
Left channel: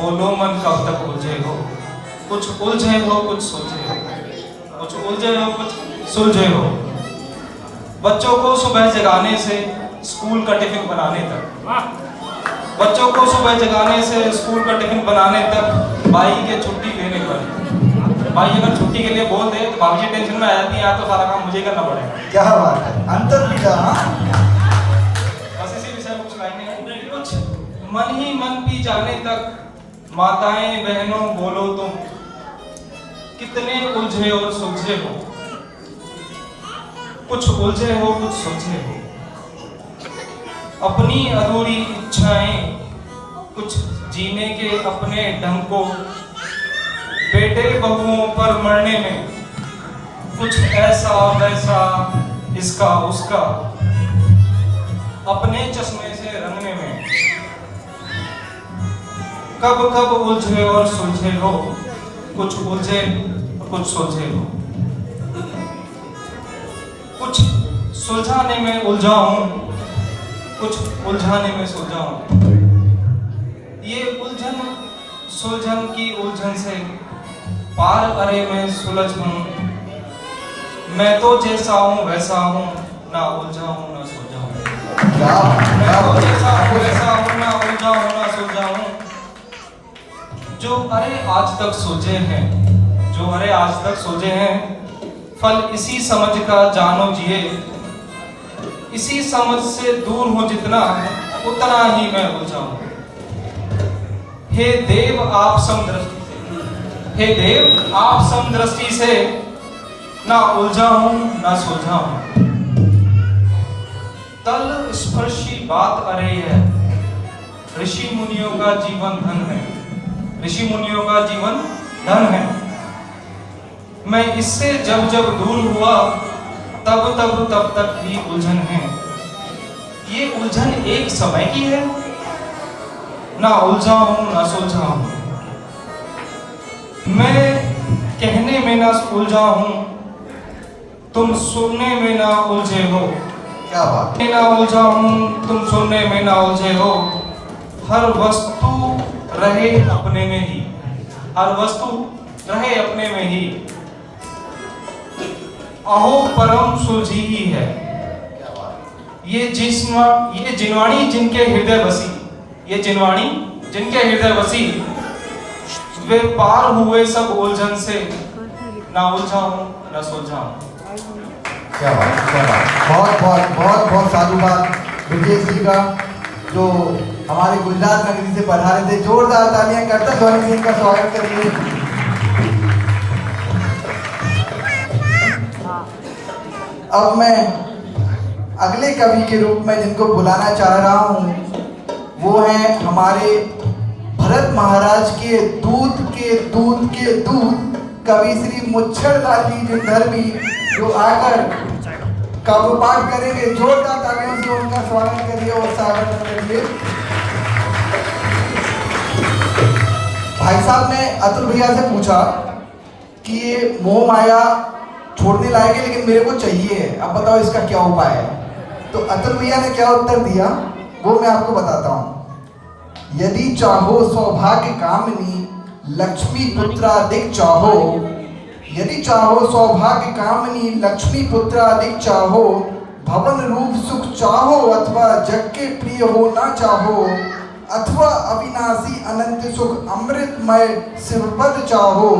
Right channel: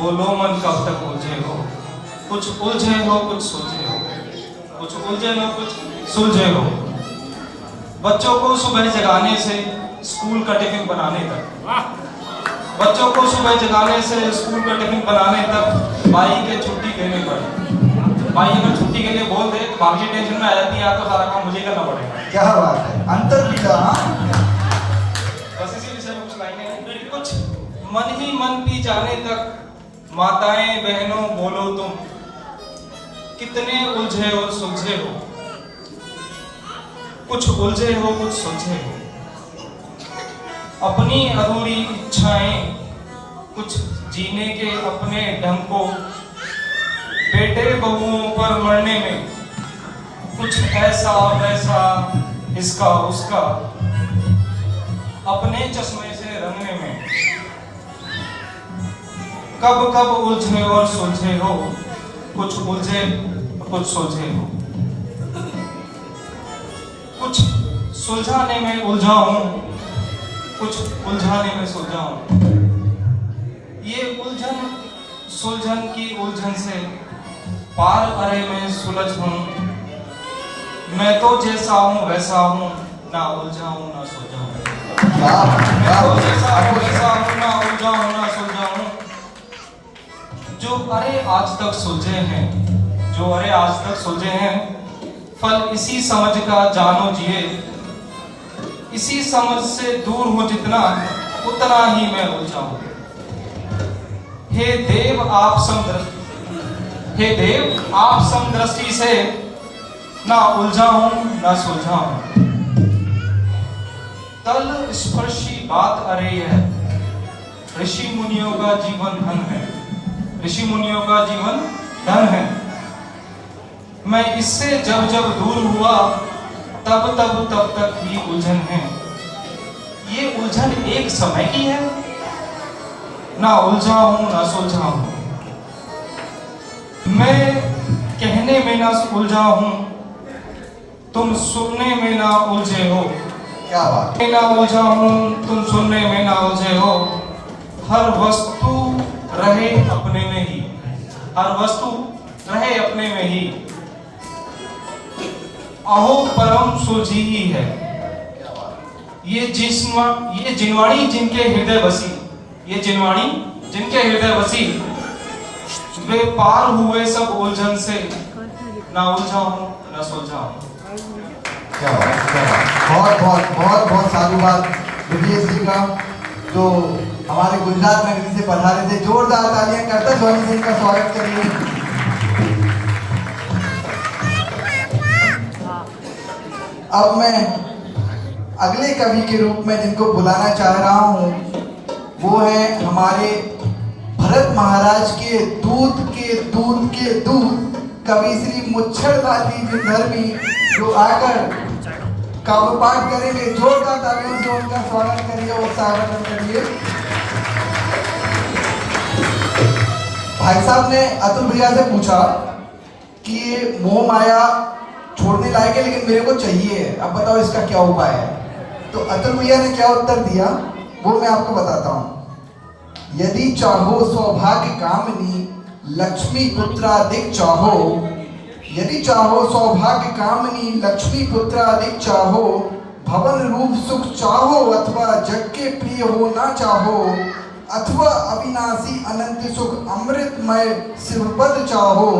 बोलो मन कब तक उलझे हो। कुछ उलझे हो कुछ सुलझे हो, कुछ उलझे हो कुछ सुलझे हो। बच्चों को सुबह जगाने से स्कूल का टिफिन बनाने तक, बच्चों को सुबह जगाने से स्कूल का टिफिन बनाने तक भाई के छुट्टी लेने पड़े। भाई अगर छुट्टी के लिए बोल दे, भाभी टेंशन में आ जाती है, तो सारा काम मुझे करना पड़ेगा। क्या बात है, अंतर पिता। बस इसी विषय में कुछ लाएंगे। कुछ मन ही मन पी जाने तक माताएं बहनों बोलो तुम, कितने उलझे और सुलझे हो। कुछ उलझे हो कुछ सुलझे हो, अपनी अधूरी इच्छाएं, कुछ जीने के अपने ढंग को। बेटे बहुओं पर मरने में कुछ ऐसा वैसा, इसका उसका, अपने चश्मे से रंगने में। कब कब उलझे और सुलझे हो, कुछ उलझे कुछ सुलझे हो। कुछ सुलझाने में उलझा हूँ, कुछ उलझाने में सुलझा हूँ। ये उलझन सुलझन की उलझन से पार अरे में सुलझ हूँ। मैं तो जैसा हूँ वैसा हूँ, ना उलझा हूँ ना सुलझा हूँ। मैं तो जैसा हूँ वैसा हूँ, ना उलझा हूँ ना सुलझा हूँ। जो अरे आज तक सुलझे हैं, जो अरे आज तक सुलझे हैं, फल इसी समझ का जानो जिए। इसी समझ से दूर हो जितना, उतना ही मैं उलझा हूँ। हे देव आप समदृष्टि, हे देव आप समदृष्टि से, ना उलझा हूं ना सुलझा हूं। तल स्पर्शी बात अरे है, ऋषि मुनियों का जीवन धन है, ऋषि मुनियों का जीवन धन है। मैं इससे जब जब दूर हुआ, तब तक ही उलझन है। ये उलझन एक समय की है, ना उलझा हूं ना सुलझा हूं। मैं कहने में ना उलझा हूं, तुम सुनने में ना उलझे हो। क्या बात। मैं ना उलझा हूं, तुम सुनने में ना उलझे हो। हर वस्तु रहे अपने में ही, हर वस्तु रहे अपने में ही। अहो परम सुलझी ही है। ये जिनवाणी जिनके हृदय बसी, ये जिनवाणी जिनके हृदय बसी, वे पार हुए सब उलझन से, ना उलझा हूं ना सुलझा हूं। क्या बात, क्या बात। बहुत बहुत बहुत बहुत साधुवाद ब्रजेश जी का, जो हमारे गुजरात नगरी से पधारे थे। जोरदार तालियां करते ध्वनि सिंह का स्वागत करिए। अब मैं अगले कवि के रूप में जिनको बुलाना चाह रहा हूँ, वो है हमारे भरत महाराज के दूध के दूध कवि श्री मुच्छरलाल जी विंधर्मी, जो आकर काव्य पाठ करेंगे। जोरदार तालियों से उनका स्वागत करिए और स्वागत करिए। भाई साहब ने अतुल भैया से पूछा कि ये मोह माया छोड़ने लायक है, लेकिन मेरे को चाहिए, अब बताओ इसका क्या उपाय है। तो अतुल भैया ने क्या उत्तर दिया, वो मैं आपको बताता हूँ। यदि चाहो सौभाग्य कामनी, लक्ष्मी पुत्रादिक चाहो। यदि चाहो सौभाग्य कामनी, लक्ष्मी पुत्रादिक चाहो। भवन रूप सुख चाहो, अथवा जग के प्रिय हो ना चाहो। अथवा अविनाशी अनंत सुख अमृतमय शिवपद चाहो।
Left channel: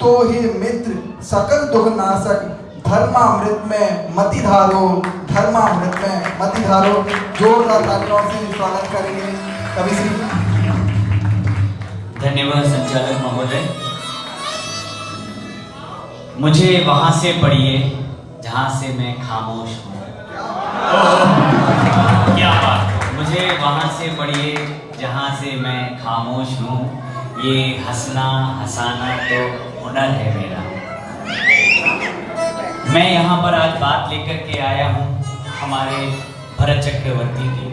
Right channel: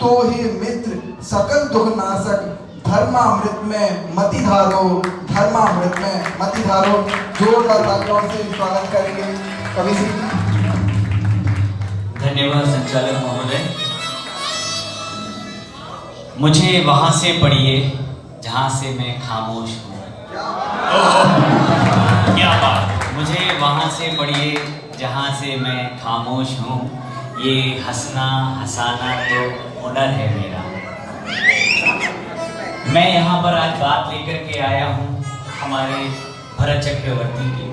तो ही मित्र सकल दुख नाशक, धर्मामृत में मति धारो, धर्मामृत में मति धारो। जोरदार तालियों से स्वागत करेंगे कवि श्री। धन्यवाद संचालक महोदय। मुझे वहां से पढ़िए जहां से मैं खामोश हूँ। क्या बात। मुझे वहां से पढ़िए जहां से मैं खामोश हूँ। ये हंसना हंसाना तो हुनर है मेरा। मैं यहाँ पर आज बात लेकर के आया हूँ हमारे भरत चक्रवर्ती की।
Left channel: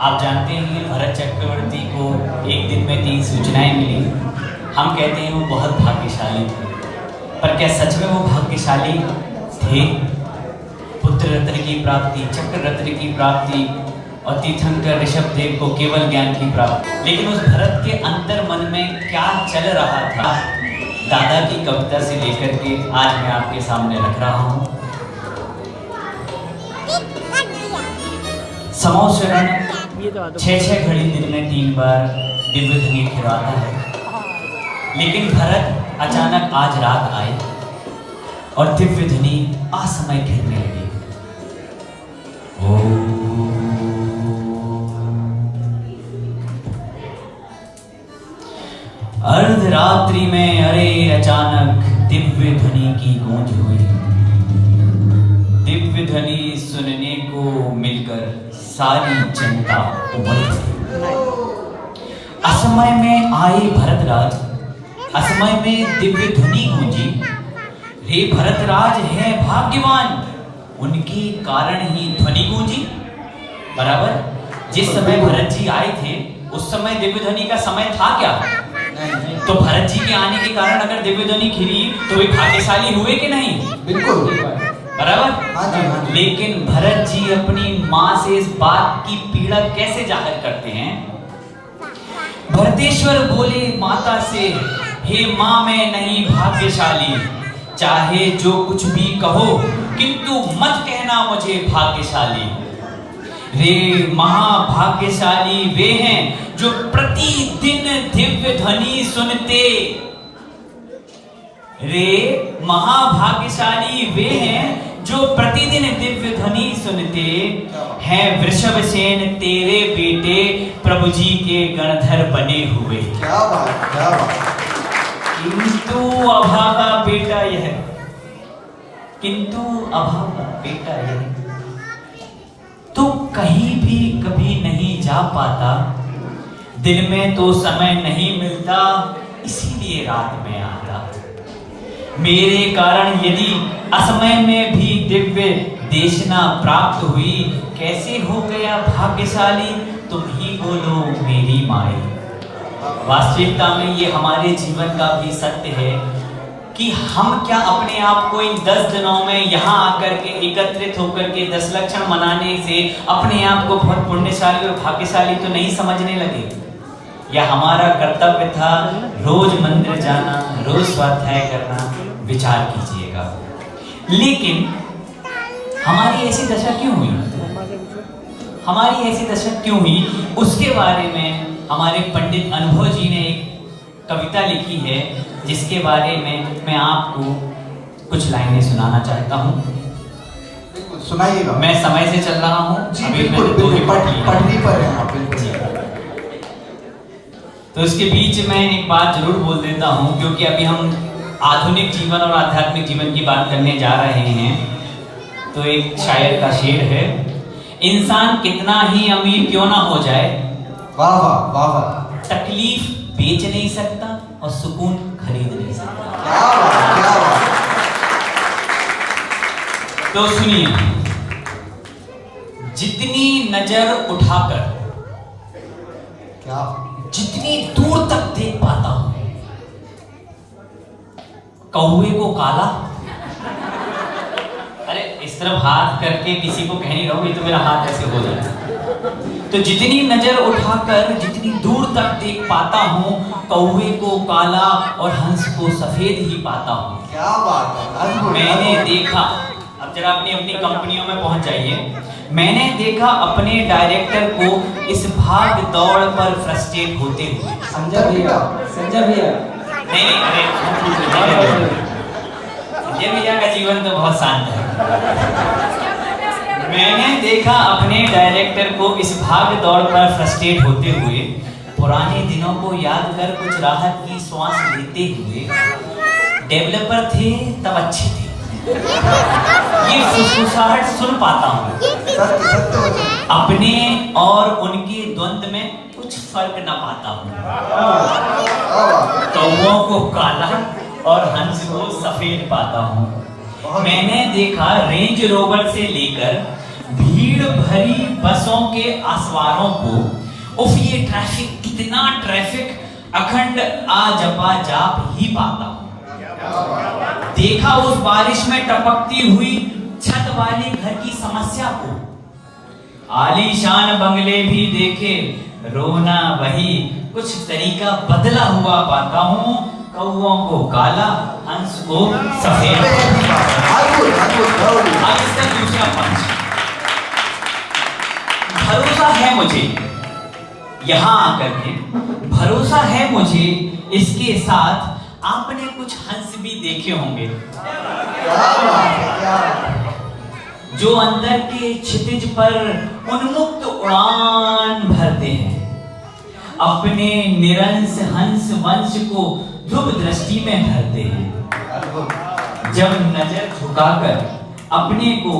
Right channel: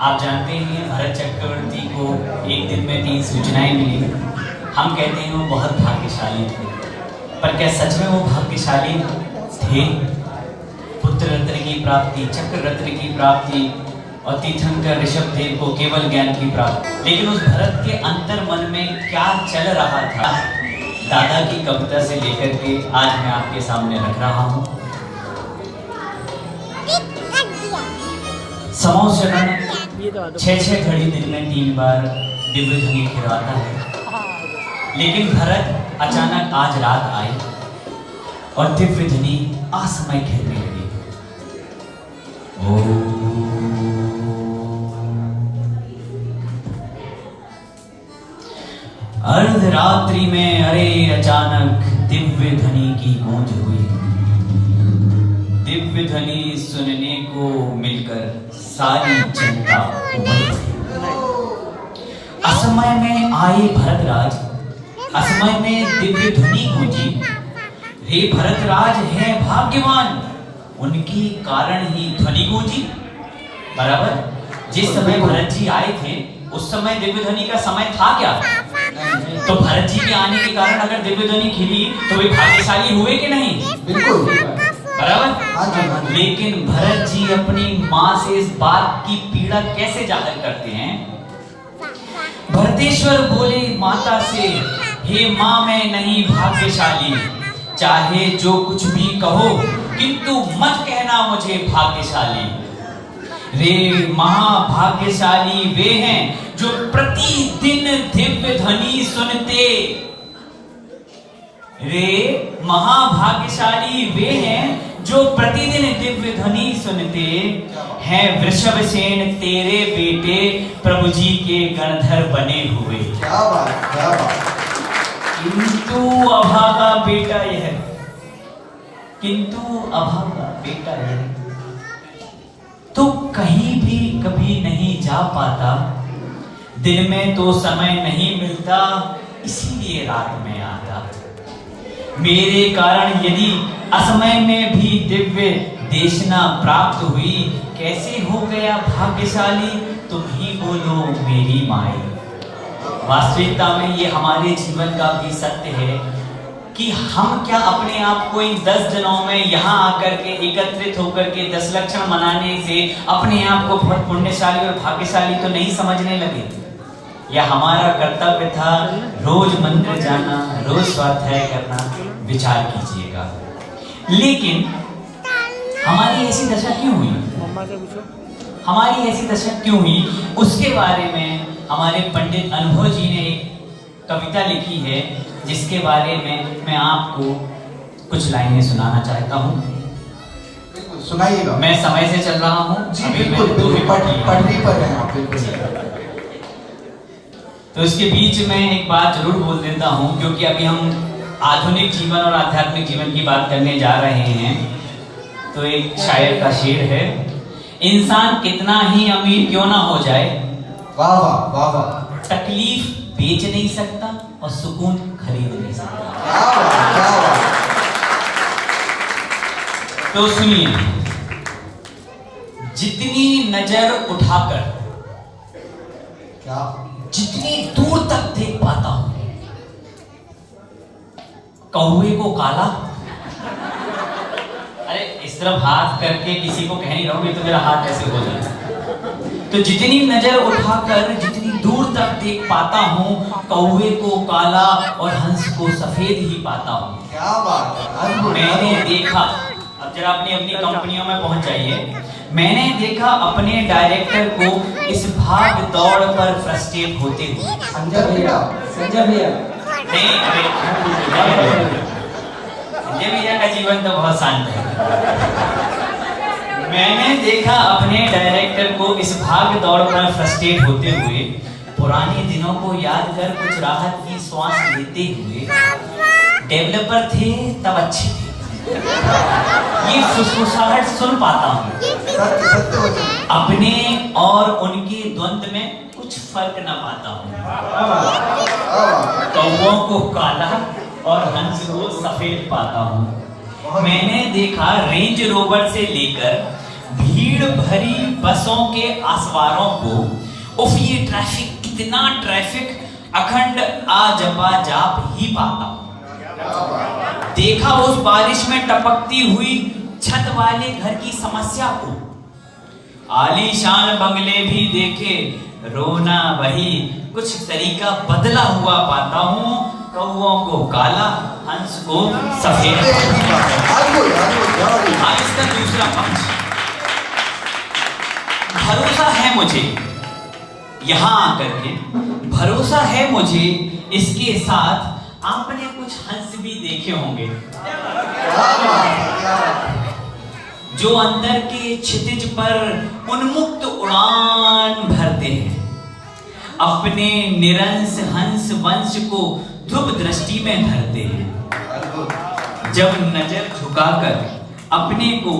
आप जानते हैं भरत चक्रवर्ती को एक दिन में 3 सूचनाएं मिली। हम कहते हैं वो बहुत भाग्यशाली थे, पर क्या सच में वो भाग्यशाली थे? पुत्र रत्न की प्राप्ति, चक्र रत्न की प्राप्ति और तीर्थंकर ऋषभ देव को केवल ज्ञान की प्राप्ति। लेकिन उस भरत के अंतर मन में क्या चल रहा था, दादा की कविता से लेकर के आज मैं आपके सामने रख रहा हूँ। समोसरण 6-6 घड़ी दिन में 3 बार दिव्य ध्वनि खिलाता है, लेकिन भरत अचानक आज रात आए और दिव्य ध्वनि असमय खेलने लगी। अर्धरात्रि में अरे अचानक दिव्य ध्वनि की गूंज हुई। दिव्य ध्वनि सुनने को मिलकर सारी जनता उमड़ पड़ी। असमय में आए भरतराज, असमय में दिव्य ध्वनि गूंजी। रे भरतराज है भाग्यवान, उनके कारण ही ध्वनि गूंजी। बराबर जिस समय भरत जी आए थे उस समय दिव्य ध्वनि का समय था क्या? तो भरत जी के आने के कारण अगर दिव्य ध्वनि खिली तो वे भाग्यशाली हुए कि नहीं? बिल्कुल। बराबर? हाँ जी, हाँ जी। लेकिन भरत जी अपनी माँ से इस बात की पीड़ा कैसे जाहिर करते हैं? भरतेश्वर बोले माता से, हे माँ मैं नहीं भाग्यशाली, चाहे जो कुछ भी कहो किंतु मत कहना मुझे भाग्यशाली। रे महाभाग्यशाली वे हैं जो प्रतिदिन दिव्य ध्वनि सुनते। रे महाभाग्यशाली वे हैं जो प्रतिदिन दिव्य ध्वनि सुनते हैं। वृषभसेन तेरे बेटे प्रभु जी के गणधर बने हुए। क्या बात, क्या बात। किंतु अभागा बेटा यह, किंतु अभागा बेटा यह तो कहीं भी कभी नहीं जा पाता। दिन में तो समय नहीं मिलता, इसीलिए रात में आता। मेरे कारण यदि असमय में भी दिव्य देशना प्राप्त हुई, कैसे हो गया भाग्यशाली तुम ही बोलो मेरी माई। वास्तविकता में ये हमारे जीवन का भी सत्य है कि हम क्या अपने आप को इन 10 दिनों में यहाँ आकर के एकत्रित होकर के 10 लक्षण मनाने से अपने आप को बहुत पुण्यशाली और भाग्यशाली तो नहीं समझने लगे? या हमारा कर्तव्य था रोज मंदिर जाना, रोज स्वाध्याय करना? विचार कीजिएगा। लेकिन हमारी ऐसी दशा क्यों हुई? हमारी ऐसी दशा क्यों हुई? उसके बारे में हमारे पंडित अनुभव जी ने एक कविता लिखी है, जिसके बारे में मैं आपको कुछ लाइनें सुनाना चाहता हूँ। सुनाइएगा। मैं समय से चल रहा हूँ जी बिल्कुल, पटरी पर है आप, बिल्कुल। तो इसके बीच में एक बात जरूर बोल देता हूँ, क्योंकि अभी हम आधुनिक जीवन और आध्यात्मिक जीवन की बात करने जा रहे हैं। तो एक शायर का शेर है, इंसान कितना ही अमीर क्यों ना हो जाए, वाह वाह वाह वाह, तकलीफ बेच नहीं सकता और सुकून खरीद नहीं सकता। क्या बात, क्या बात। तो सुनिए, जितनी नजर उठाकर क्या जितनी दूर तक देख पाता हूं, कौवे को काला। अरे इस तरफ हाथ करके किसी को कह नहीं रहा हूं, ये तो मेरा हाथ ऐसे हो जाए। तो जितनी नजर उठाकर जितनी दूर तक देख पाता हूं, कौवे को काला और हंस को सफेद ही पाता हूं। क्या बात है। मैंने देखा, अब जरा अपनी अपनी कंपनियों में पहुंच जाइए। मैंने देखा अपने डायरेक्टर को इस भाग दौड़ पर फ्रस्ट्रेट होते हुए। संजय भैया, संजय भैया, नहीं, अरे संजय भैया का जीवन तो बहुत शांत है। मैंने देखा अपने डायरेक्टर को इस भाग दौड़ पर फ्रस्ट्रेट होते हुए, पुराने दिनों को याद कर कुछ राहत की श्वास लेते हुए। डेवलपर थे तब अच्छे थे, ये फुसफुसाहट सुन पाता हूँ। अपने और उनके द्वंद्व में कुछ फर्क ना पाता हूँ। कौवों को काला और हंस को सफेद पाता हूँ। मैंने देखा रेंज रोवर से लेकर भीड़ भरी बसों के आसवारों को, उफ ये ट्रैफिक, कितना ट्रैफिक, अखंड आ जपा जाप ही पाता हूँ। देखा उस बारिश में टपकती हुई छत वाले घर की समस्या को, आलीशान बंगले भी देखे, रोना वही, कुछ तरीका बदला हुआ पाता हूँ। कौवों को काला, हंस को सफेद। इसका दूसरा पंच, भरोसा है मुझे यहाँ आकर के, भरोसा है मुझे इसके साथ आपने कुछ हंस भी देखे होंगे, जो अंदर के क्षितिज पर उन्मुक्त उड़ान भरते हैं, अपने निरंश हंस वंश को ध्रुव दृष्टि में धरते हैं। जब नजर झुकाकर अपने को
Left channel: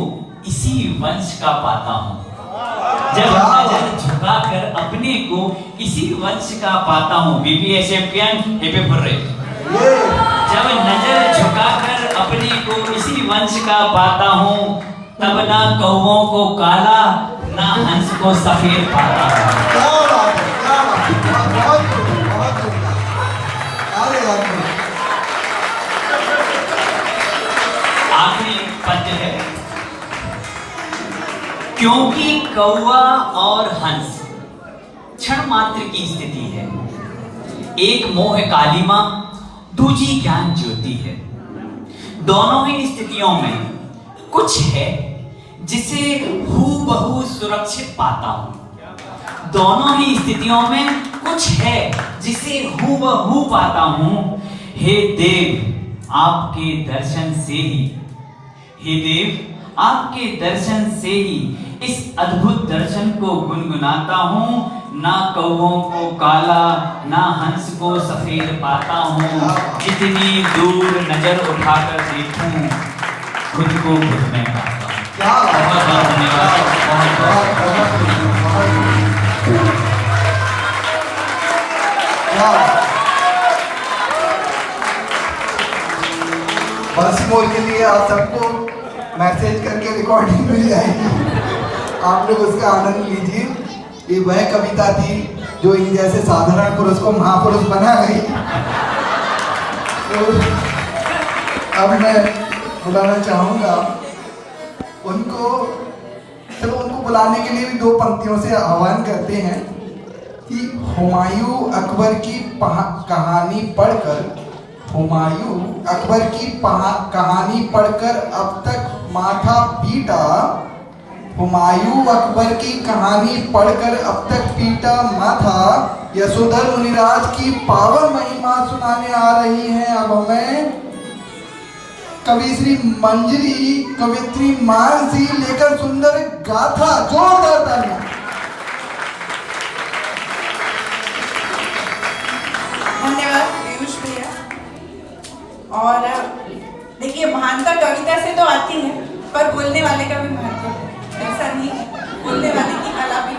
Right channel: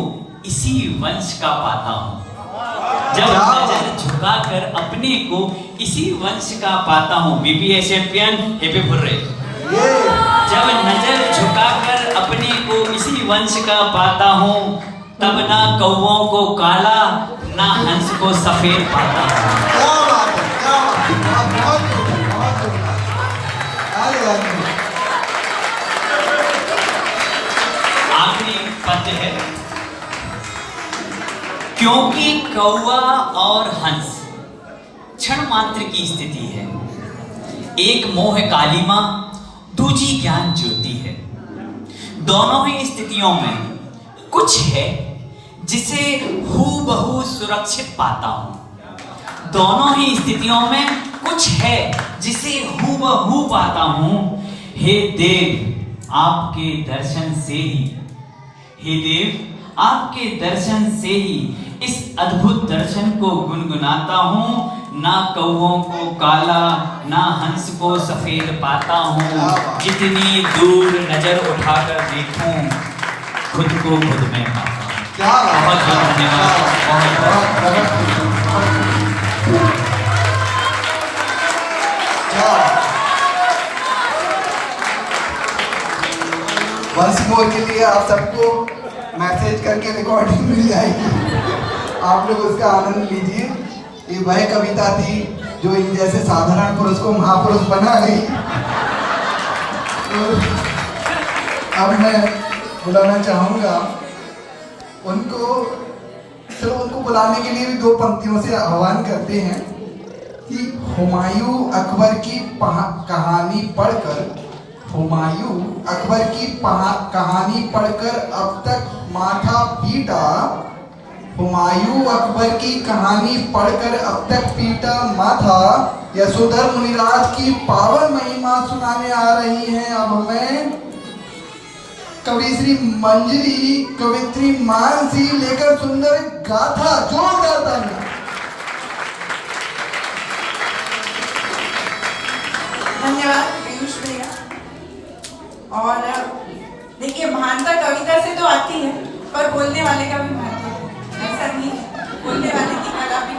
इसी वंश का पाता हूँ, जब नजर झुकाकर अपने को इसी वंश का पाता हूँ। बीबीएसएफियन हिपी हुर्रे। जब नजर झुकाकर अपने को इसी वंश का पाता हूँ, तब ना कौवों को काला, ना हंस को सफेद पाता हूँ। आखिरी पंच है, क्योंकि कौवा और हंस क्षण मात्र की स्थिति है। एक मोह कालिमा, दूजी ज्ञान ज्योति है। दोनों ही स्थितियों में कुछ है जिसे हूबहू सुरक्षित पाता हूं। दोनों ही स्थितियों में कुछ है जिसे हूबहू पाता हूं। हे देव, आपके दर्शन से ही, हे देव, आपके दर्शन से ही इस अद्भुत दर्शन को गुनगुनाता हूं। ना कौवों को काला, ना हंस को सफेद पाता हूं। जितनी दूर नजर उठाकर देखूं, खुद को खुद में पाता हूं। क्या बहुत बहुत धन्यवाद। वंस मोर के लिए आप सबको मैसेज करके रिकॉर्डिंग मिल जाएगी, आप लोग उसका आनंद लीजिए। ये वह कविता थी जो इन जैसे साधारण पुरुष को महापुरुष बना गई। तो अब मैं बुलाना चाहूंगा उनको, चलो उनको बुलाने के लिए भी दो पंक्तियों से आह्वान करते हैं कि हुमायूं अकबर की कहानी पढ़कर, हुमायूं अकबर की कहानी पढ़कर अब तक माथा पीटा, हुमायूं अकबर की कहानी पढ़कर अब तक पीटा माथा, यशोधर मुनिराज की पावन महिमा सुनाने आ रही हैं अब हमें कवि श्री मंजरी, कवित्री मानसी लेकर सुंदर गाथा। जोरदार ताली। धन्यवाद पीयूष भैया। और देखिए, महानता कविता से तो आती है, पर बोलने वाले का भी महत्व है। ऐसा नहीं है, बोलने वाले की कला भी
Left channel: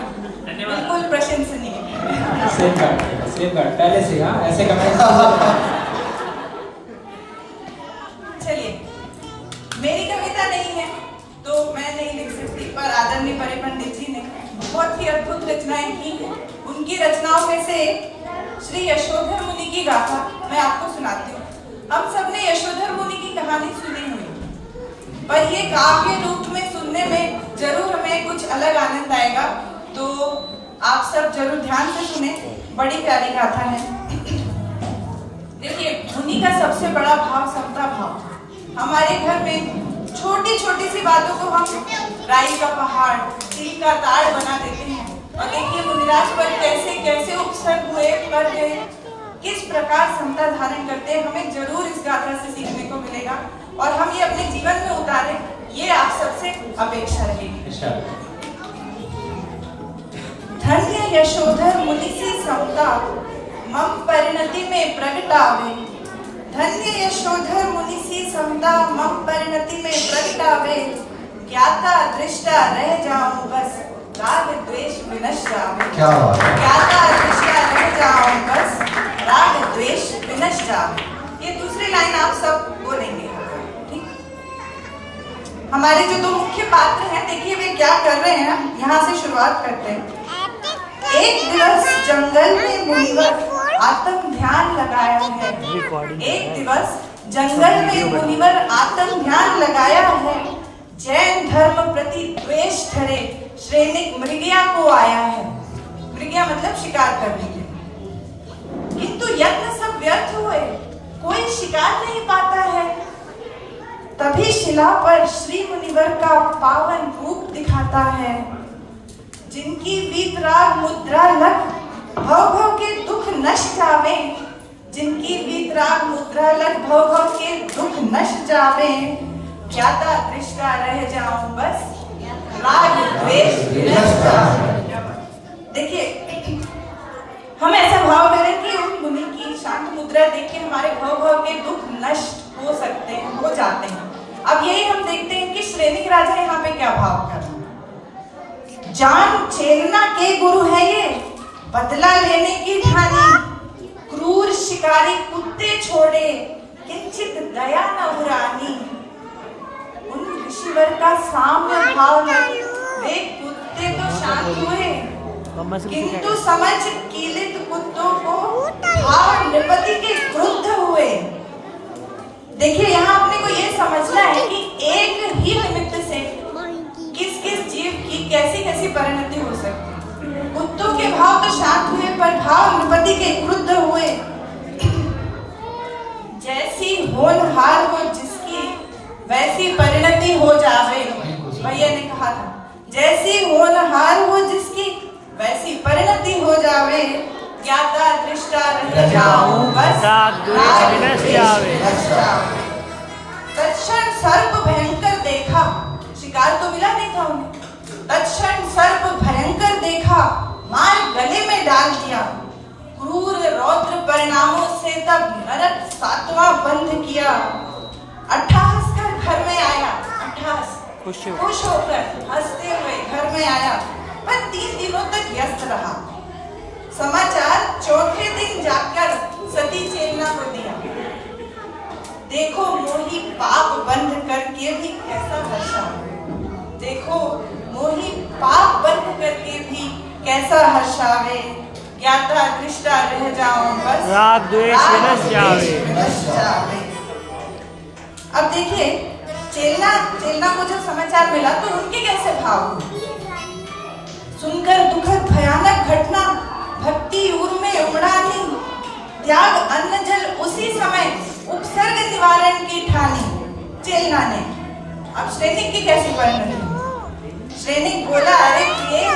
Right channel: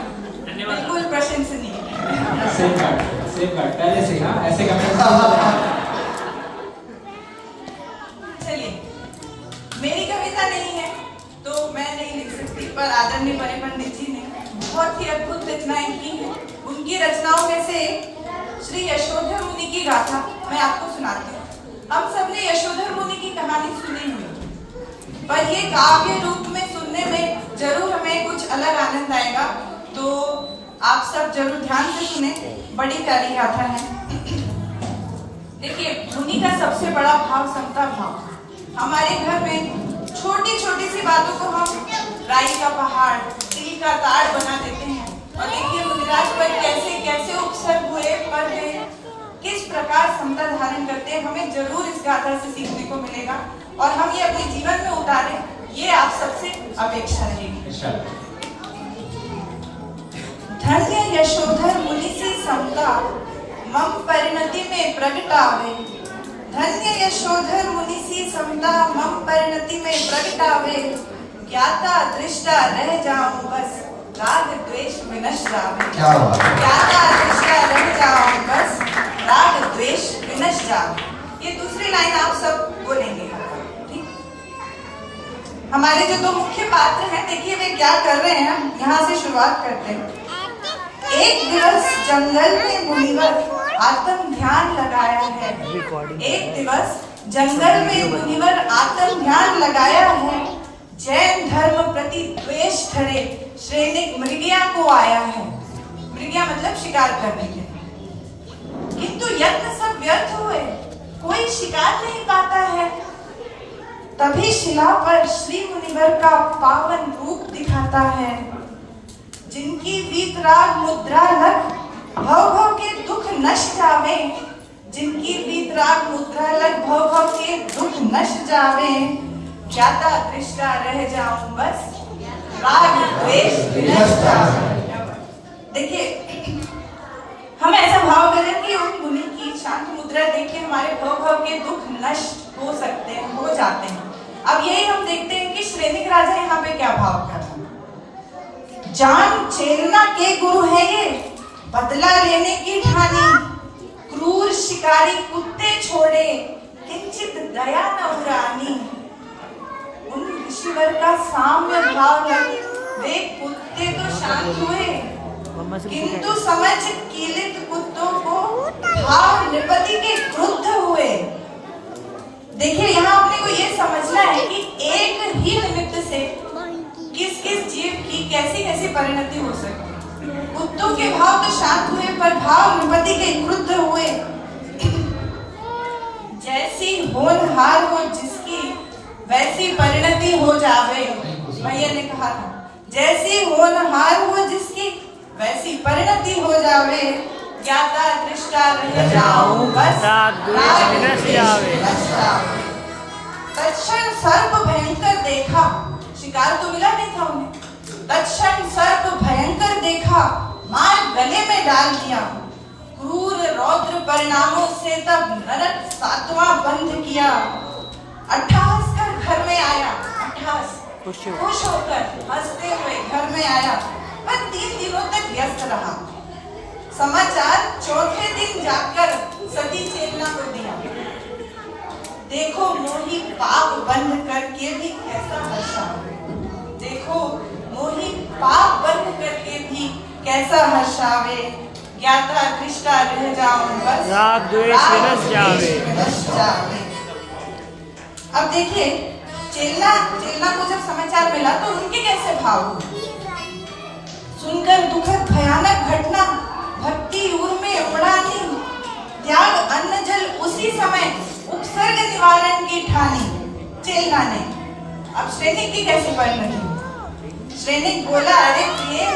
बिल्कुल प्रशंसनीय है। सेम बात पहले से हाँ, ऐसे करना। चलिए, मेरी कविता नहीं है तो मैं नहीं लिख सकती, पर आदरणीय पंडित जी ने बहुत ही अद्भुत रचनाएं की हैं। उनकी रचनाओं में से श्री यशोधर मुनि की गाथा मैं आपको सुनाती हूँ। हम सबने यशोधर मुनि की कहानी सुनी हुई, पर ये काव्य रूप में सुनने में जरूर हमें कुछ अलग आनंद आएगा, तो आप सब जरूर ध्यान से सुने। बड़ी प्यारी गाथा है। देखिए, मुनि का सबसे बड़ा भाव समता भाव। हमारे घर में छोटी छोटी सी बातों को हम राई का पहाड़, तिल का ताड़ बना देते हैं। और देखिए मुनिराज पर कैसे कैसे उपसर्ग हुए, पर वे किस प्रकार समता धारण करते हैं, हमें जरूर इस गाथा से सीखने को मिलेगा और हम ये अपने जीवन में उतारें, ये आप सबसे अपेक्षा रहेगी। धन्य यशोधर मुनि सी समता, मम परिणति में प्रगटावे। धन्य यशोधर मुनि सी समता, मम परिणति में प्रगटावे। ज्ञाता दृष्टा रह जाऊं बस, राग द्वेष विनश जावे। ज्ञाता दृष्टा रह जाऊं बस, राग द्वेष विनश जावे। ये दूसरी लाइन आप सब बोलेंगे, ठीक? हमारे जो दो मुख्य पात्र हैं, देखिए वे क्या कर रहे हैं, यहाँ से शुरुआत करते हैं। एक दिवस जंगल में मुनिवर आत्म ध्यान लगाया है। एक दिवस जंगल में मुनिवर आत्म ध्यान लगाया है। जैन धर्म प्रति द्वेष ठहरे श्रेणिक मृगिया को आया है। मृगिया मतलब शिकार करने के, किंतु यत्न सब व्यर्थ हुए, कोई शिकार नहीं पाता है। तभी शिला पर श्री मुनिवर का पावन रूप दिखाता है। जिनकी वीतराग मुद्रा लग, भव भव के दुख नश जावे। जिनकी वीतराग मुद्रा लग, भव भव के दुख नश जावे। ज्ञाता दृष्टा रह जाऊं बस, राग द्वेष विनश जावे। देखिए, हम ऐसा भाव करें कि उन मुनि की शांत मुद्रा देख के हमारे भव भव के दुख नष्ट हो सकते हैं, हो जाते हैं। अब यही हम देखते हैं कि श्रेणिक राजा यहाँ पे क्या भाव कर रहा है। जान छेड़ना के गुरु है ये, बदला लेने की ठानी। क्रूर शिकारी कुत्ते छोड़े, किंचित दया न उरानी। उन ऋषिवर का साम्य भाव लग, वे कुत्ते तो शांत हुए, किंतु समझ कीलित कुत्तों को भाव निपति के क्रुद्ध हुए। देखिए, यहाँ अपने को ये समझना है कि एक ही जावे, ज्ञाता दृष्टा रह जाऊं बस, राग द्वेष विनष्ट जावे। तत्क्षण सर्प भयंकर देखा, शिकार तो मिला नहीं था उन्हें। तत्क्षण सर्प भयंकर देखा, मार गले में डाल दिया। क्रूर रौद्र परिणामों से तब नरक 7वां बंद किया। अट्ठास कर घर में आया, अट्ठास खुश होकर हंसते हुए घर में आया, पर 3 दिनों तक व्यस्त रहा। समाचार चौथे दिन जाकर सती चेलना को दिया। देखो मोही पाप बंद करके भी कैसा हर्षा, देखो मोही पाप बंद करके भी कैसा हर्षावे, ज्ञाता दृष्टा रह जाऊं बस, राग द्वेष विनष्ट जावे। अब देखिए चेलना को जब समाचार मिला तो उनके कैसे भाव हुए। सुनकर दुखद भयानक घटना, भक्ति ऊर में उमड़ानी, त्याग अन्न जल उसी समय, उपसर्ग निवारण की ठानी चेलना ने। अब श्रेनिक की कैसे परिणति। श्रेनिक बोला, अरे प्रिय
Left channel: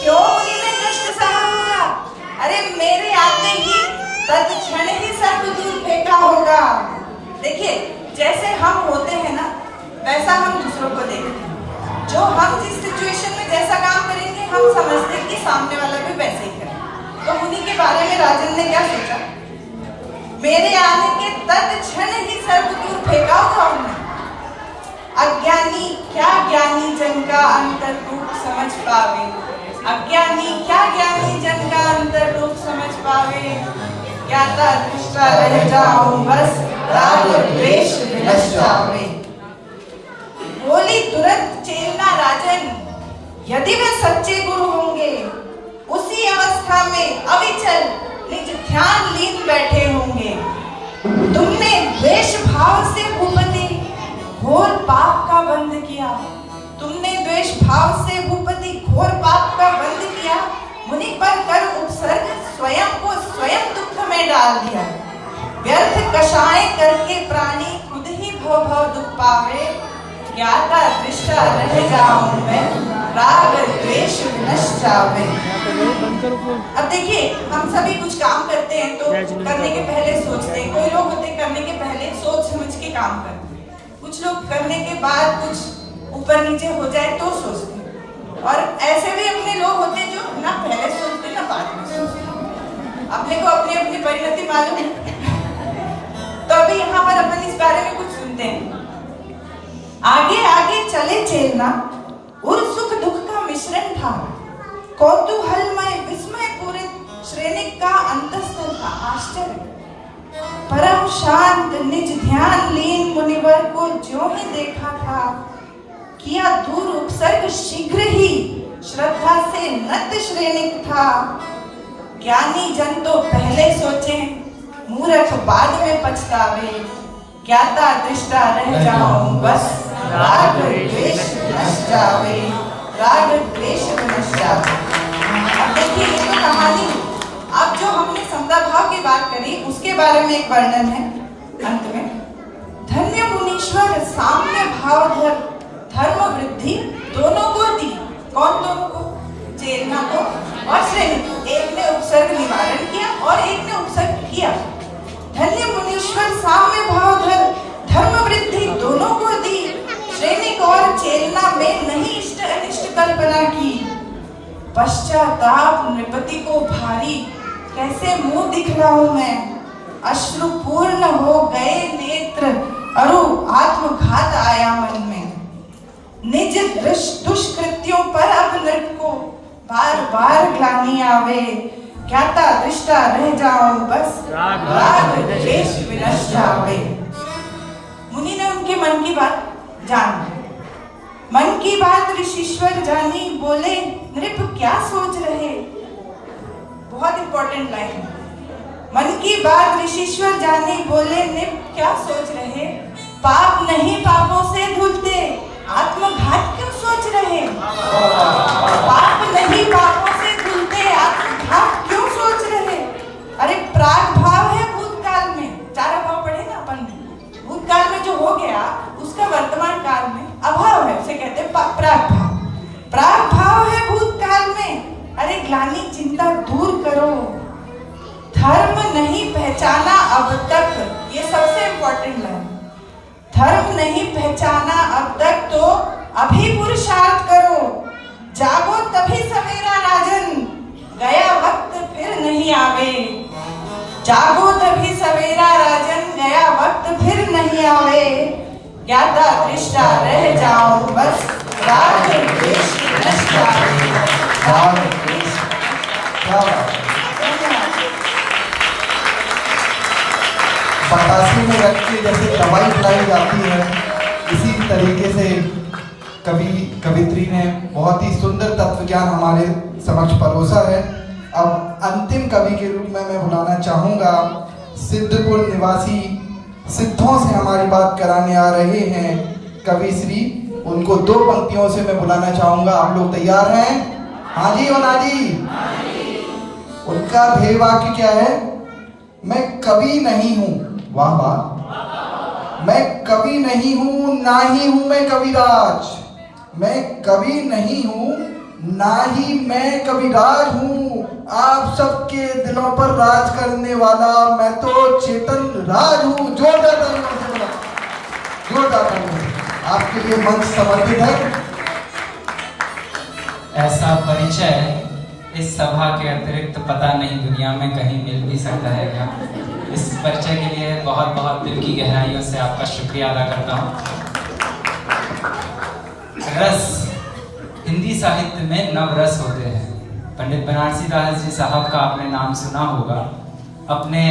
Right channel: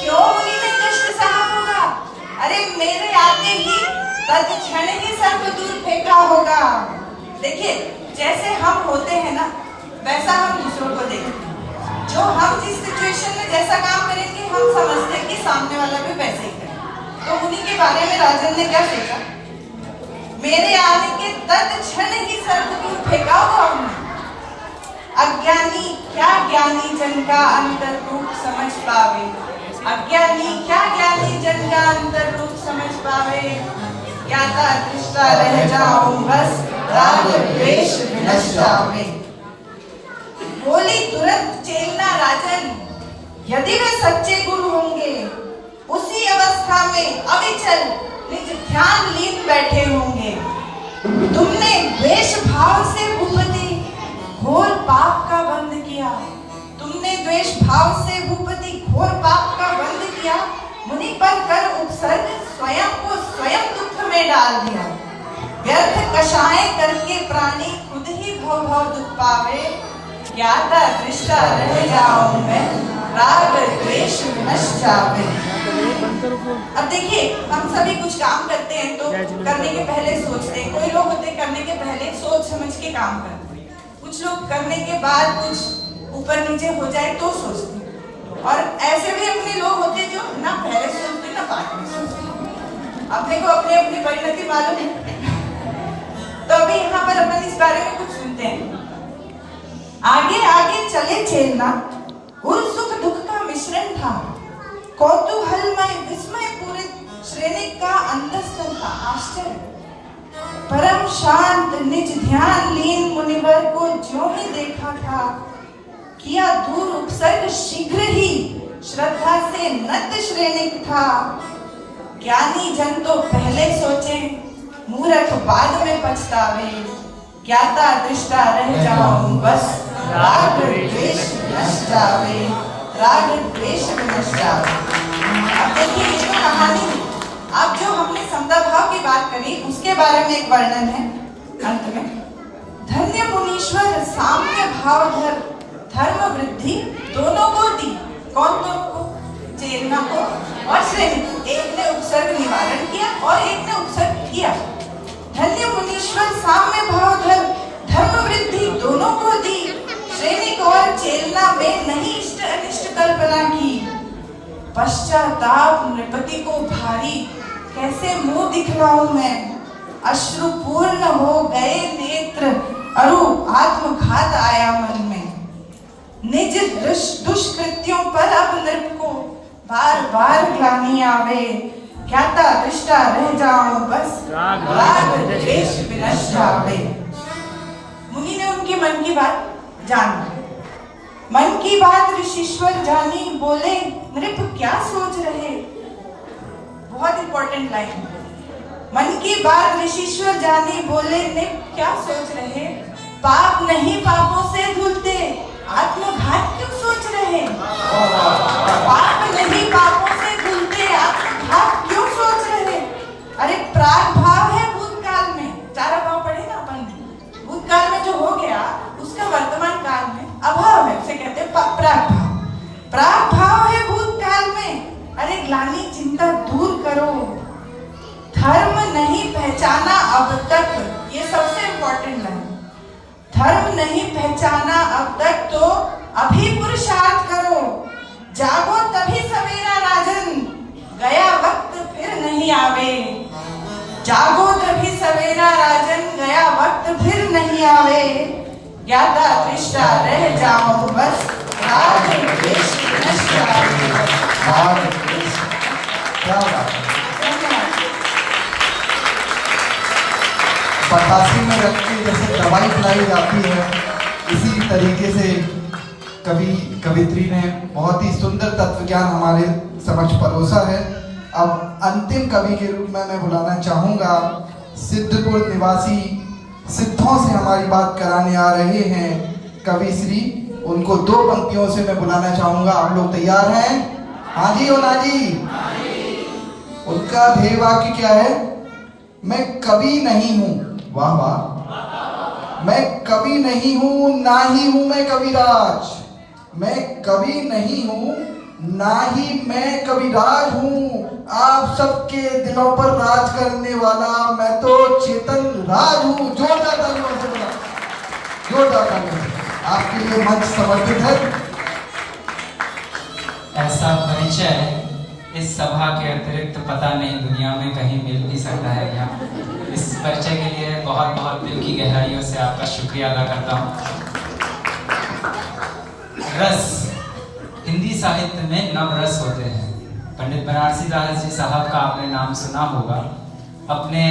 क्यों मुनि ने कष्ट सहा होगा, अरे मेरे आते ही तत्क्षण ही सर्प दूर फेंका होगा। देखिए जैसे हम होते हैं ना, वैसा हम दूसरों को देखते हैं। जो हम जिस सिचुएशन में जैसा काम करेंगे, हम समझते हैं कि सामने वाला भी वैसे ही करे। तो मुनि के बारे में राजन ने क्या सोचा, मेरे आने के तत्क्षण ही सर्प दूर फेंका होगा उन्होंने। अज्ञानी क्या ज्ञानी जन का अंतर रूप समझ पावे, अज्ञानी क्या ज्ञानी जन का अंतर रूप समझ पावे, ज्ञाता दृष्टा रह जाऊं बस, राग द्वेष विनष्ट जावे। बोली तुरंत चेलना राजन, यदि वे सच्चे गुरु होंगे, उसी अवस्था में अविचल निज ध्यान लीन बैठे होंगे। तुमने द्वेष भाव से भूपति घोर पाप का बंध किया, तुमने द्वेष भाव से भूपति घोर पाप का बंध किया, मुनि पर कर उपसर्ग स्वयं को स्वयं दुख में डाल दिया। व्यर्थ कषाय करके प्राणी खुद ही भव भव दुख पावे, ज्ञाता दृष्टा रह जाऊं मैं, राग द्वेष विनष्ट जावे। अब देखिए हम सभी कुछ काम करते हैं तो करने के पहले सोचते हैं। कोई लोग होते करने के पहले सोच समझ के काम करते हैं, कुछ लोग करने के बाद कुछ ऊपर नीचे हो जाए तो सोचते हैं, और ऐसे भी अपने लोग होते हैं जो ना पहले सोचते ना बाद में सोचते। अपने को अपनी अपनी परिणति मालूम है। तो अभी यहाँ पर अपन इस बारे में कुछ सुनते हैं। आगे आगे चले चेलना, उर सुख दुख का मिश्रण था, कौतूहलमय विस्मय पूरित श्रेनिक का अंतस्तर का आश्चर्य। परम शांत निज ध्यान लीन मुनिवर को ज्यों ही देखा था, किया दूर उपसर्ग शीघ्र ही श्रद्धा से नत श्रेनिक था। ज्ञानी जन तो पहले सोचे, मूर्ख बाद में पछतावे, ज्ञाता दृष्टा रह जाऊं बस, राग द्वेष विनष्ट जावे, राग द्वेष विनष्ट जावे। अब देखिए ये तो कहानी, अब जो हमने समता भाव की बात करी उसके बारे में एक वर्णन है अंत में। धन्य मुनीश्वर साम्य भाव धर, धर्म वृद्धि दोनों को दी। कौन दोनों को? चेलना को और श्रेनिक। एक ने उपसर्ग निवारण किया और एक ने उपसर्ग किया। धन्य मुनीश्वर साम्य भाव धर, धर्म वृद्धि दोनों को दी। श्रेनिक और चेलना में नहीं इष्ट अनिष्ट कल्पना की। पश्चाताप नृपति को भारी, कैसे मुंह दिखलाऊं मैं, अश्रुपूर्ण हो गए नेत्र, अरु आत्मघात आया मन में। निज दुष्कृत्यों पर अब नृप को बार बार ग्लानि आवे, ज्ञाता दृष्टा रह जाऊं बस, राग द्वेष विनष्ट जावे। मुनि ने उनके मन की बात जान ली। मन की बात ऋषीश्वर जानी, बोले नृप क्या सोच रहे। बहुत इंपॉर्टेंट लाइन है। मन की बात ऋषीश्वर जानी, बोले नृप क्या सोच रहे। पाप नहीं पापों से धुलते, आत्मघात क्यों सोच रहे। पाप नहीं पापों से धुलते, आत्मघात क्यों सोच रहे। अरे प्राग भाव है भूतकाल में, चार भाव पढ़े ना अपन। भूतकाल में जो हो गया उसका वर्तमान काल में अभाव है, उसे कहते हैं प्राग भाव। प्राग भाव है भूतकाल में, अरे पुरानी चिंता दूर करो। धर्म नहीं पहचाना अब तक, ये सबसे इम्पोर्टेंट है। धर्म नहीं पहचाना अब तक तो अभी पुरुषार्थ करो। जागो तभी सवेरा राजन, गया वक्त फिर नहीं आवे। जागो तभी सवेरा राजन, गया वक्त फिर नहीं आवे। यादा दृष्टा रह जाओ बस, राज देश की दृष्टा। बतासी में रख के जैसे दवाई पिलाई जाती है, इसी तरीके से कवित्री ने बहुत ही सुंदर तत्व ज्ञान हमारे समक्ष परोसा है। अब अंतिम कवि के रूप में मैं बुलाना चाहूंगा सिद्धपुर निवासी, सिद्धों से हमारी बात कराने आ रहे हैं कवि श्री। उनको 2 पंक्तियों से मैं बुलाना चाहूंगा। आप लोग तैयार हैं? हाँ जी और ना जी? उनका ध्येय वाक्य क्या है? मैं कवि नहीं हूं, वाह वाह, मैं कवि नहीं हूं, ना ही हूं मैं कविराज। मैं कवि नहीं हूं, ना ही मैं कविराज हूं। आप सबके दिलों पर राज करने वाला मैं तो चेतन राज हूं। जोरदार तालियों से बोला, जोरदार तालियों। आपके लिए मंच समर्पित है। ऐसा परिचय इस सभा के अतिरिक्त पता नहीं दुनिया में कहीं मिल भी सकता है क्या। इस परिचय के लिए बहुत बहुत दिल की गहराइयों से आपका शुक्रिया अदा करता हूँ। रस, हिंदी साहित्य में नवरस होते हैं। पंडित बनारसी दास जी साहब का आपने नाम सुना होगा। अपने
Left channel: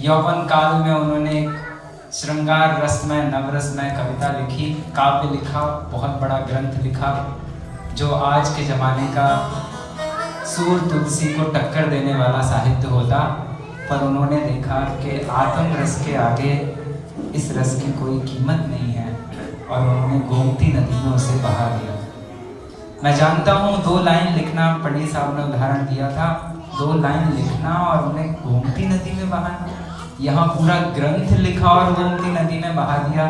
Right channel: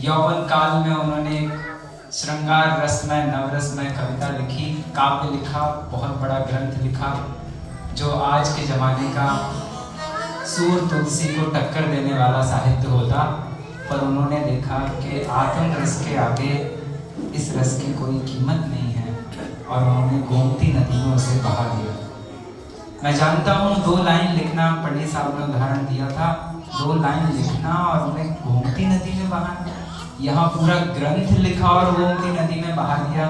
यौवन काल में उन्होंने श्रृंगार रस में, नवरस में कविता लिखी, काव्य लिखा, बहुत बड़ा ग्रंथ लिखा जो आज के जमाने का सूर तुलसी को टक्कर देने वाला साहित्य होता। पर उन्होंने देखा कि आत्म रस के आगे इस रस की कोई कीमत नहीं है और उन्होंने गोमती नदी में उसे बहा दिया। मैं जानता हूँ 2 लाइन लिखना, पंडित साहब ने उदाहरण दिया था, 2 लाइन लिखना और उन्हें गोमती नदी में बहा दिया। यहाँ पूरा ग्रंथ लिखा और गोमती नदी में बहा दिया।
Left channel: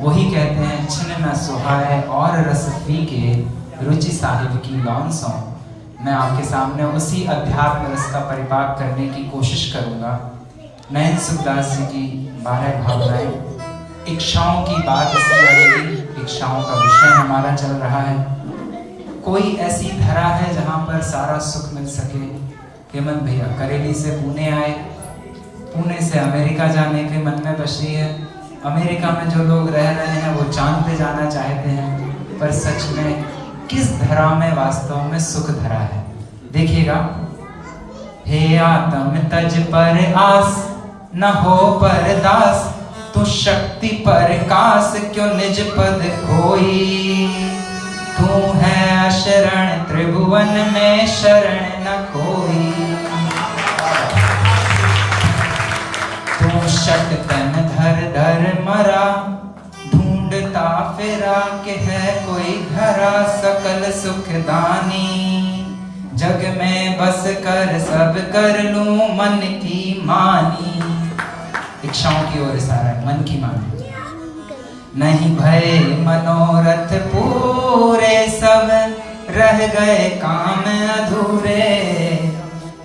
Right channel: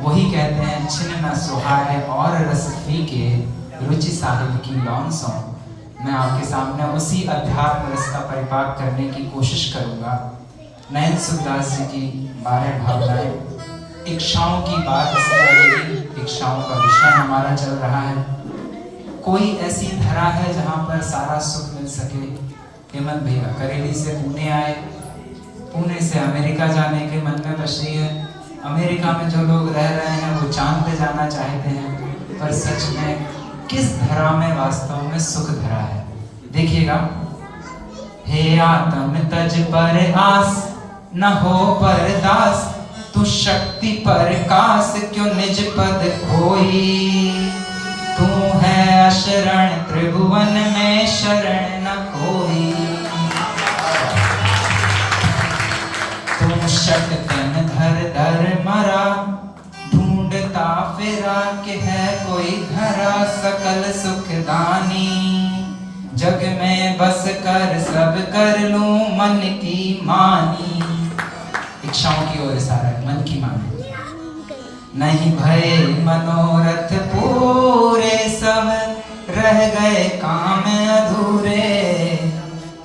वही कहते हैं छिन न सुहाए और रस फीके, रुचि साहिब की लौंसों। मैं आपके सामने उसी अध्यात्म रस का परिपाक करने की कोशिश करूंगा। नयन सुखदास जी की 12 भावनाएं, इच्छाओं की बात इसमें आएगी। इच्छाओं का विषय हमारा चल रहा है। कोई ऐसी धरा है जहां पर सारा सुख मिल सके। हेमंत भैया करेली से पुणे आए, पुणे से अमेरिका जाने के मन में बची है। अमेरिका में जो लोग रह रहे हैं वो चांद पे जाना चाहते हैं, पर सच में किस धरा में वास्तव में सुख धरा है? देखिएगा, हे आत्म तज पर आस, न हो परदास, तू शक्ति पर कास, क्यों निज पद खोई। तू है अशरण त्रिभुवन में, शरण न कोई। तू शट तन धर धर मरा, ढूंढता फिरा के है कोई धरा, सकल सुख दानी। जग में बस कर सब कर लूं मन की मानी। इच्छाओं की ओर इशारा है, मन की मानी। नहीं भय मनोरथ पूरे, सब रह गए काम अधूरे।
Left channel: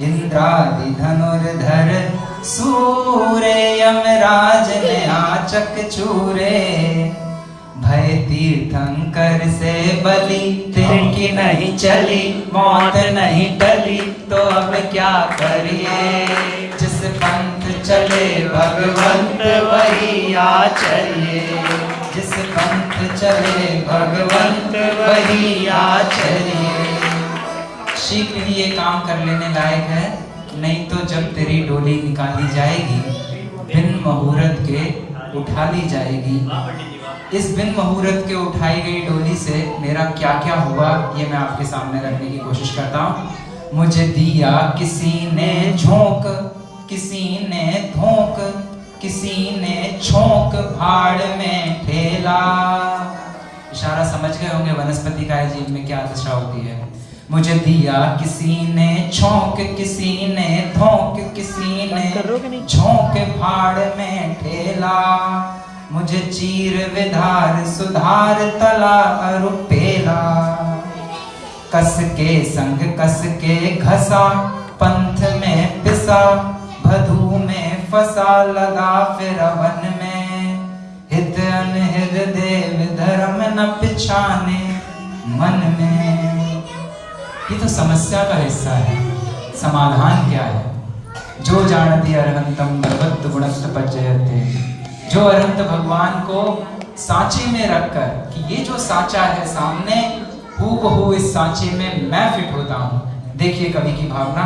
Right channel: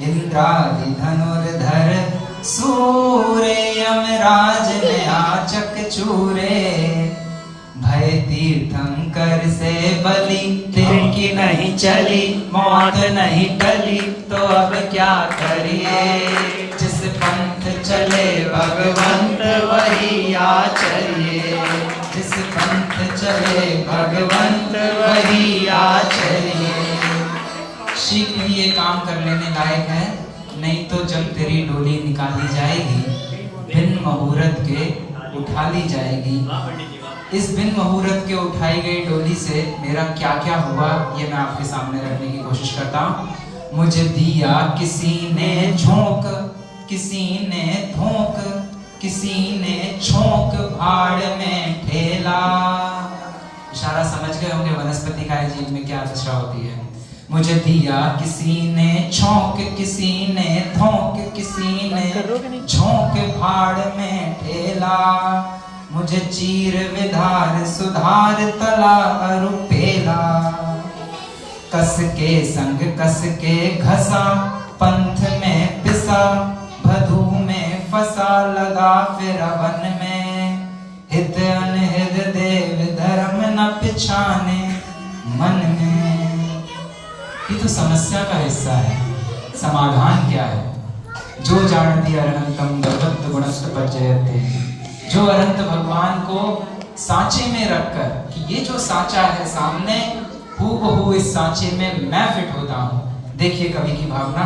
इंद्रादि धनुर्धर सूरे, यमराज ने आचक चूरे। भय तीर्थंकर से बलि, तिनकी नहीं चली, मौत नहीं टली, तो अब क्या करिए। जिस पंथ चले भगवंत वही आचरिए। जिस पंथ चले भगवंत वही आचरिए। शीघ्र ही ये काम कर लेने लायक है, नहीं तो जब तेरी डोली निकाली जाएगी, बिन मुहूर्त के उठा ली जाएगी। इस बिन मुहूर्त के उठाई गई डोली से मेरा क्या क्या हुआ ये मैं आपके सामने रखने की कोशिश करता हूँ। मुझे दिया किसी ने झोंक, किसी ने धोंक, किसी ने छोंक, भाड़ में ठेला। इशारा समझ गए होंगे वनस्पति का जीव में क्या दशा होती है। मुझे दिया किसी ने छोंक, किसी ने धोंक, किसी ने झोंक, भाड़ में ठेला। मुझे चीर विधार सुधार तला अरुपेला। कस के संग कस के घसा, पंथ में पिसा, भदू में फंसा, लगा फिर वन में। हित अनहित देव धर्म न पिछाने मन में। ये तो समस्या का हिस्सा है, समाधान क्या है? जो जानती अरहंतम भगवत गुणस्त पज्जयते, जो अनंत भगवान को सांचे में रखकर कि ये जो सांचा है सामने, हूबहू इस सांचे में मैं फिट होता हूँ। देखिए कवि की भावना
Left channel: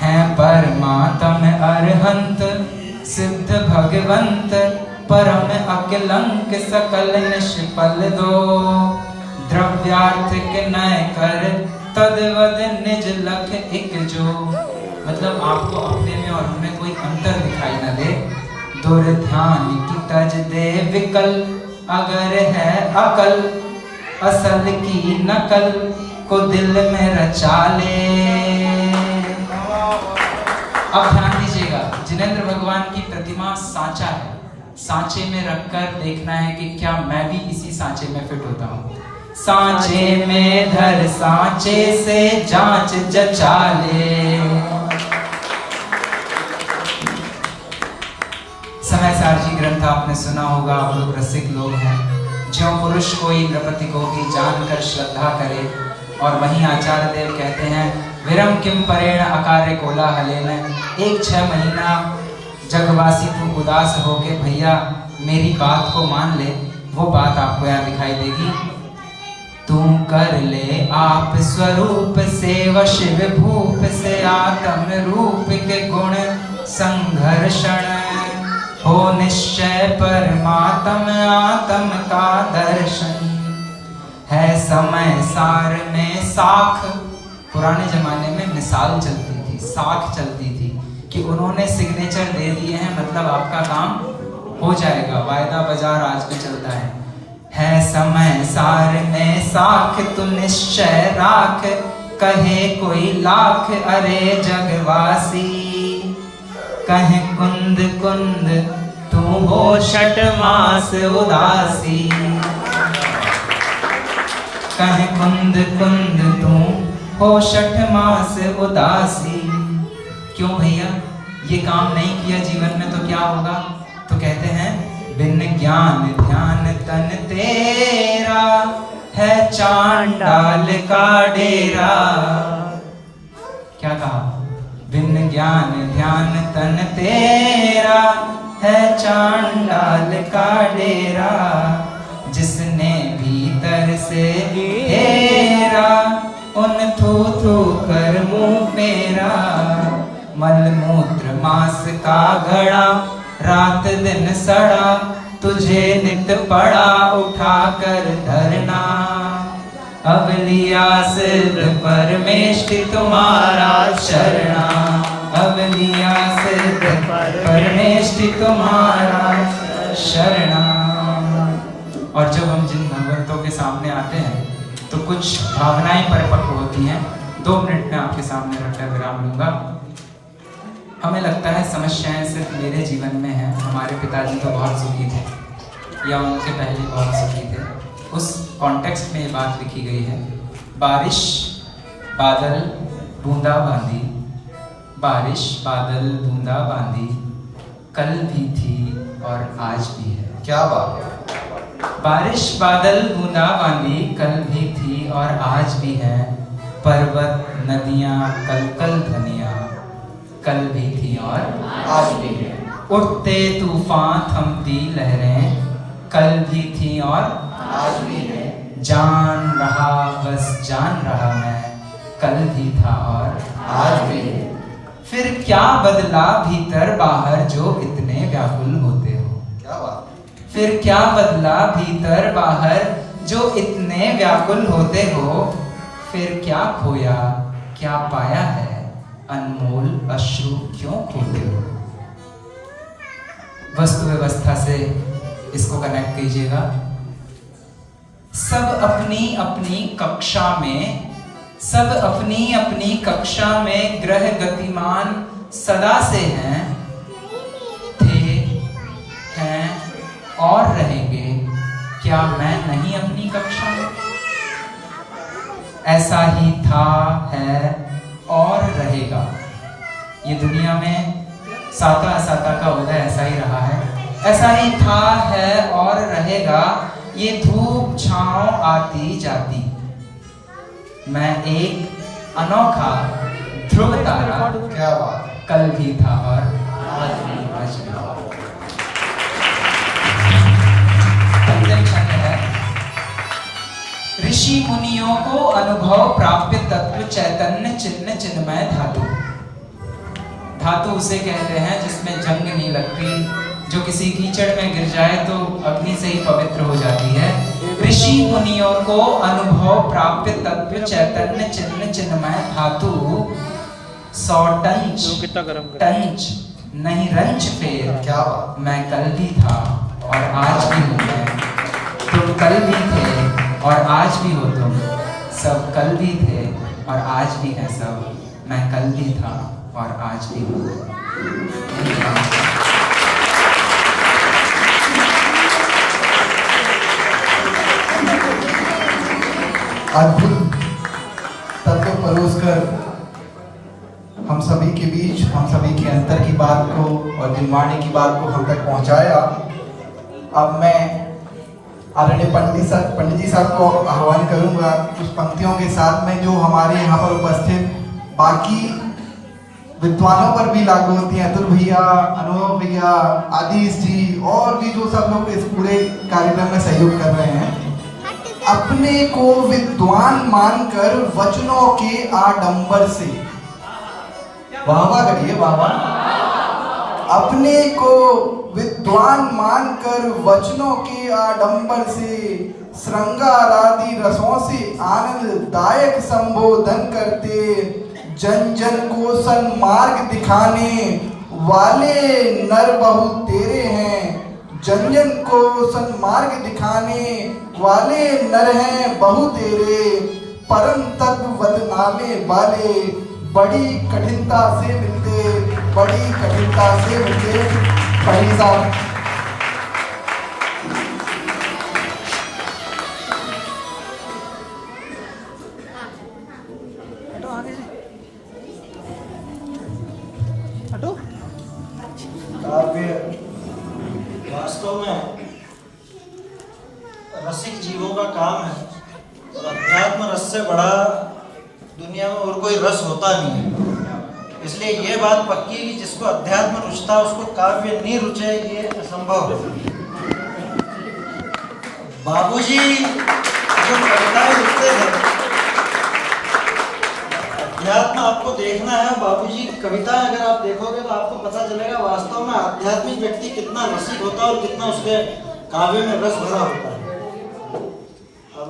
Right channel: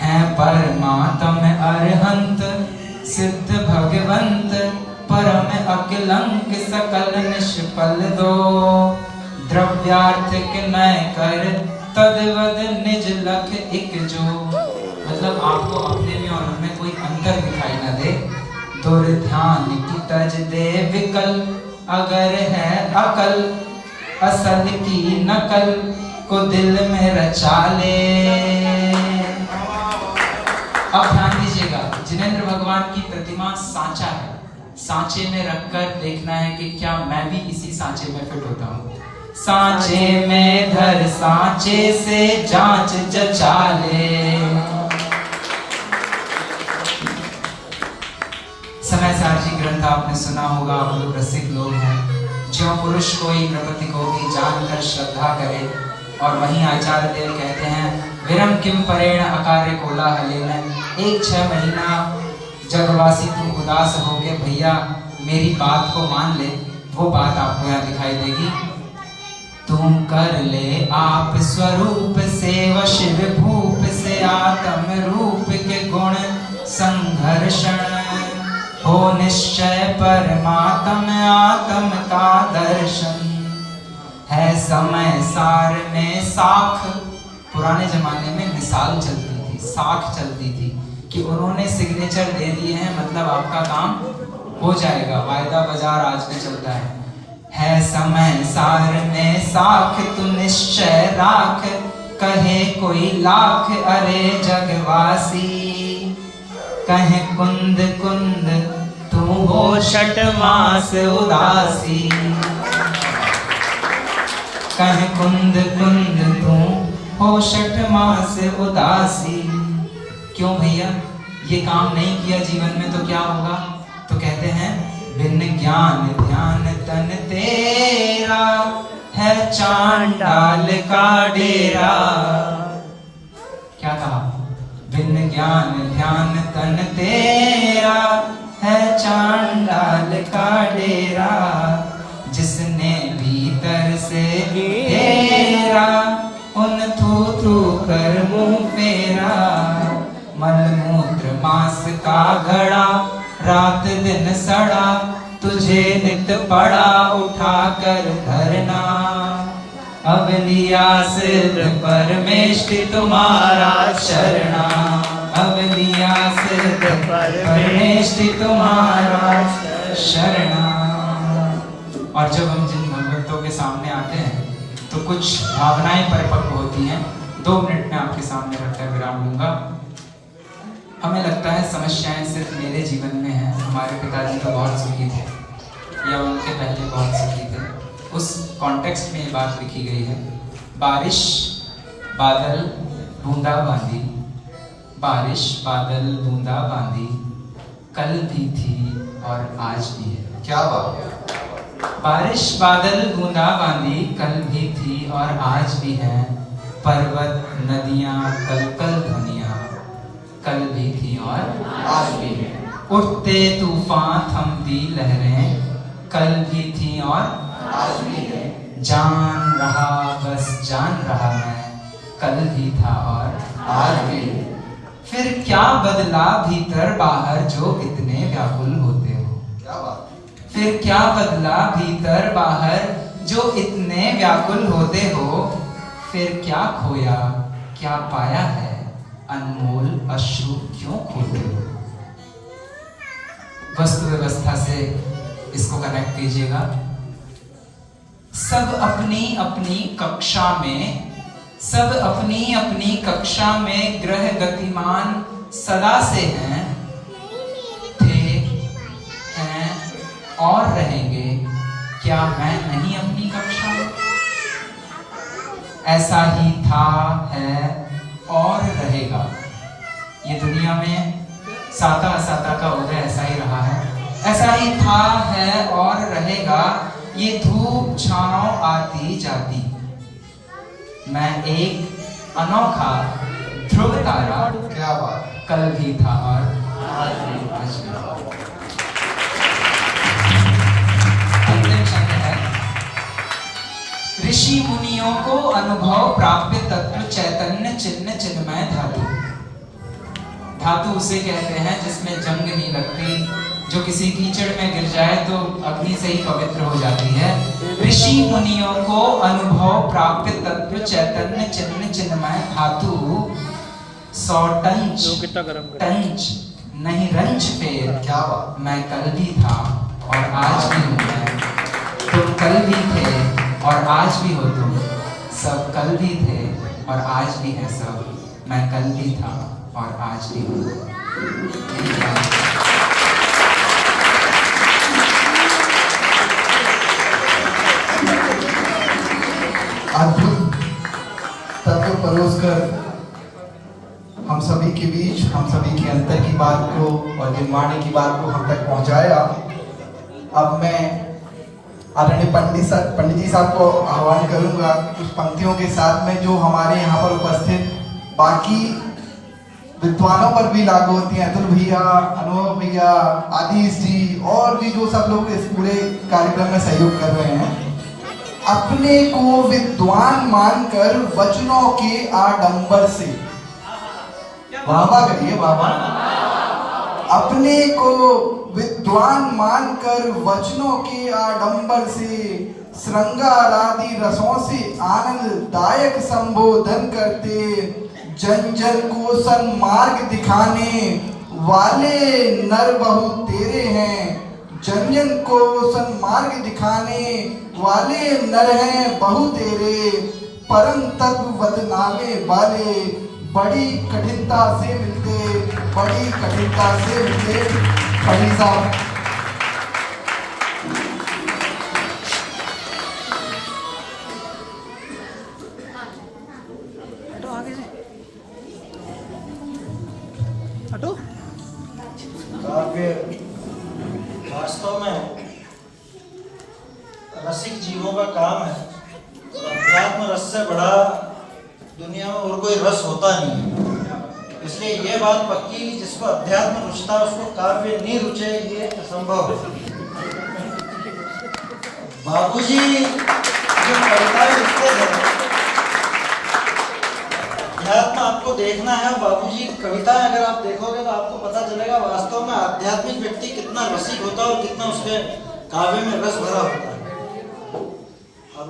है, परमात्म अरहंत सिद्ध भगवंत, परम अकलंक सकल निष्फल दो, द्रव्यार्थ के नय कर तदवद निज लख एक जो। मतलब आपको अपने में और उनमें कोई अंतर दिखाई न दे। दुर्ध्यान की तज दे विकल, अगर है अकल असल की नकल को दिल में रचा ले। अब ध्यान दीजिएगा, जिनेंद्र भगवान की प्रतिमा सांचा है, सांचे में रखकर देखना है कि क्या मैं भी इसी सांचे में फिट होता हूँ। सांचे में धर सांचे से जांच जचा ले। समय सार जी ग्रंथ आपने सुना होगा, आप लोग रसिक लोग हैं। जो पुरुष कोई नृपति को भी जानकर श्रद्धा करे, और वहीं आचार्य देव कहते हैं विरम किम परेण अकार्य कोलाहलेन। 1-6 महीना जगवासी तुम उदास होके भैया मेरी बात को मान ले, वो बात आपको यहाँ दिखाई देगी। तुम कर ले आप स्वरूप से वश विभूप से, आत्म रूप के गुण संघर्षण हो निश्चय परमात्म आत्म का दर्शन। है समय सार में साख, पुराने जमाने में मिसाल चलती थी, साख चलती थी कि उन्होंने सिग्नेचर दे दिए हैं, मतलब आपका काम हो जाएगा, वायदा बाजार आज भी चलता है समय सार में साख तू निश्चय राख, कहे कोई लाख अरे जगवासी। कहे कुंद कुंद तू हो छठ मास उदासी, कहे कुंद कुंद तू हो छठ मास उदासी। क्यों भैया, ये काम नहीं किया जीवन में तो क्या होगा? तो कहते हैं बिन ज्ञान ध्यान तन तेरा, है चांडाल का डेरा। क्या कहा? बिन ज्ञान ध्यान तन तेरा, है चांडाल का डेरा। जिसने भीतर से घेरा, उन थू थू कर मुंह फेरा। मलमूत्र मास का घड़ा, रात दिन सड़ा, तुझे नित पड़ा उठा कर धरना। अब लिया सिर परमेष्टि तुम्हारा शरणा, अब लिया सिर परमेष्टि तुम्हारा शरणा। और जब हम जिन भगवंतों के सामने आते हैं तो कुछ भावनाएं परिपक्व होती हैं। 2 मिनट में आपके सामने रखकर विराम लूंगा। हमें लगता है समस्याएं सिर्फ मेरे जीवन में हैं, हमारे पिताजी तो बहुत सुखी थे या उनके पहले बहुत सुखी थे। उस कॉन्टेक्स्ट में ये बात लिखी गई है। बारिश बादल बूंदा बांदी, बारिश बादल बूंदा बांदी, कल भी थी और आज भी है। क्या बात है। बारिश बादल बूंदा बांदी, कल भी थी और आज भी है। पर्वत नदियां कल कल ध्वनियां, कल भी थी और आज भी है। उठते तूफान थमती लहरें, कल भी थी और आज भी है। जान रहा बस जान रहा मैं, कल भी था और आज भी है। फिर क्या बदला भीतर बाहर जो इतने व्याकुल होते हो। क्या बात। फिर क्या बदला भीतर बाहर जो इतने व्याकुल होते हो। फिर क्या खोया क्या पाया है, अनमोल अश्रु क्यों खोते हो। वस्तु व्यवस्था से इसको कनेक्ट कीजिएगा। सब अपनी अपनी कक्षा में, सब अपनी अपनी कक्षा में ग्रह गतिमान सदा से हैं, थे, हैं और रहेंगे। क्या मैं नहीं अपनी कक्षा में? ऐसा ही था, है और रहेगा। ये दुनिया में साता असाता का उदय ऐसा ही रहा है, ऐसा ही था, है और रहेगा। ये धूप छांव आती जाती, मैं एक अनोखा ध्रुव तारा, क्या बात। कल भी था और आज भी। अंतिम शब्द है, ऋषि मुनियों को अनुभव प्राप्य तत्व चैतन्य चिन्ह चिन्मय धातु। धातु उसे कहते हैं जिसमें जंग नहीं लगती, जो किसी कीचड़ में गिर जाए तो अग्नि से ही पवित्र हो जाती है। ऋषि मुनियों को अनुभव प्राप्य तत्व चैतन्य चिन्ह चिन्मय धातु। 100 टंच नहीं रंच फेर, क्या बात। मैं कल भी था और आज भी हूँ। तुम कल भी थे और आज भी हो, तुम सब कल भी थे और आज भी है सब, मैं कल भी था और आज भी हूँ। अद्भुत तत्व परोसकर हम सभी के बीच, हम सभी के अंतर की बात को और दिलवाने की बात को हम तक पहुंचाया। अब मैं आदरणीय पंडित जी साहब को आह्वान करूंगा कुछ पंक्तियों के साथ में जो हमारे यहाँ पर उपस्थित बाकी विद्वानों पर भी लागू होती हैं। अतुल भैया, अनुभव भैया, आदिश जी और भी जो सब लोग इस पूरे कार्यक्रम में सहयोग कर रहे हैं। अपने को विद्वान मानकर वचनों के आडंबर से, वाह करिए बाबा। अपने को विद्वान मानकर वचनों के आडंबर से, श्रृंगार आदि रसों से आनंददायक संबोधन करते, जन जन को सन्मार्ग दिखाने वाले नर बहु तेरे हैं। जन जन को सन्मार्ग दिखाने वाले नर हैं बहु तेरे, परम तत्व बदनामे वाले बड़ी कठिनता से मिलते, बड़ी कठिनता से मिलते। कभी साहब काव्य वास्तव में रसिक जीवों का काम है। अध्यात्म रस से बड़ा दुनिया में और कोई रस होता नहीं है। इसलिए ये बात पक्की कि जिसको अध्यात्म रुचता उसको काव्य नहीं रुचे, ये असंभव है। बाबूजी जो कविताएं लिखते थे, अध्यात्म आपको देखना है। बाबूजी की कविताएं अगर आप देखोगे तो आपको पता चलेगा वास्तव में आध्यात्मिक व्यक्ति कितना रसिक होता है और कितना उसके काव्य में रस भरा होता है। अब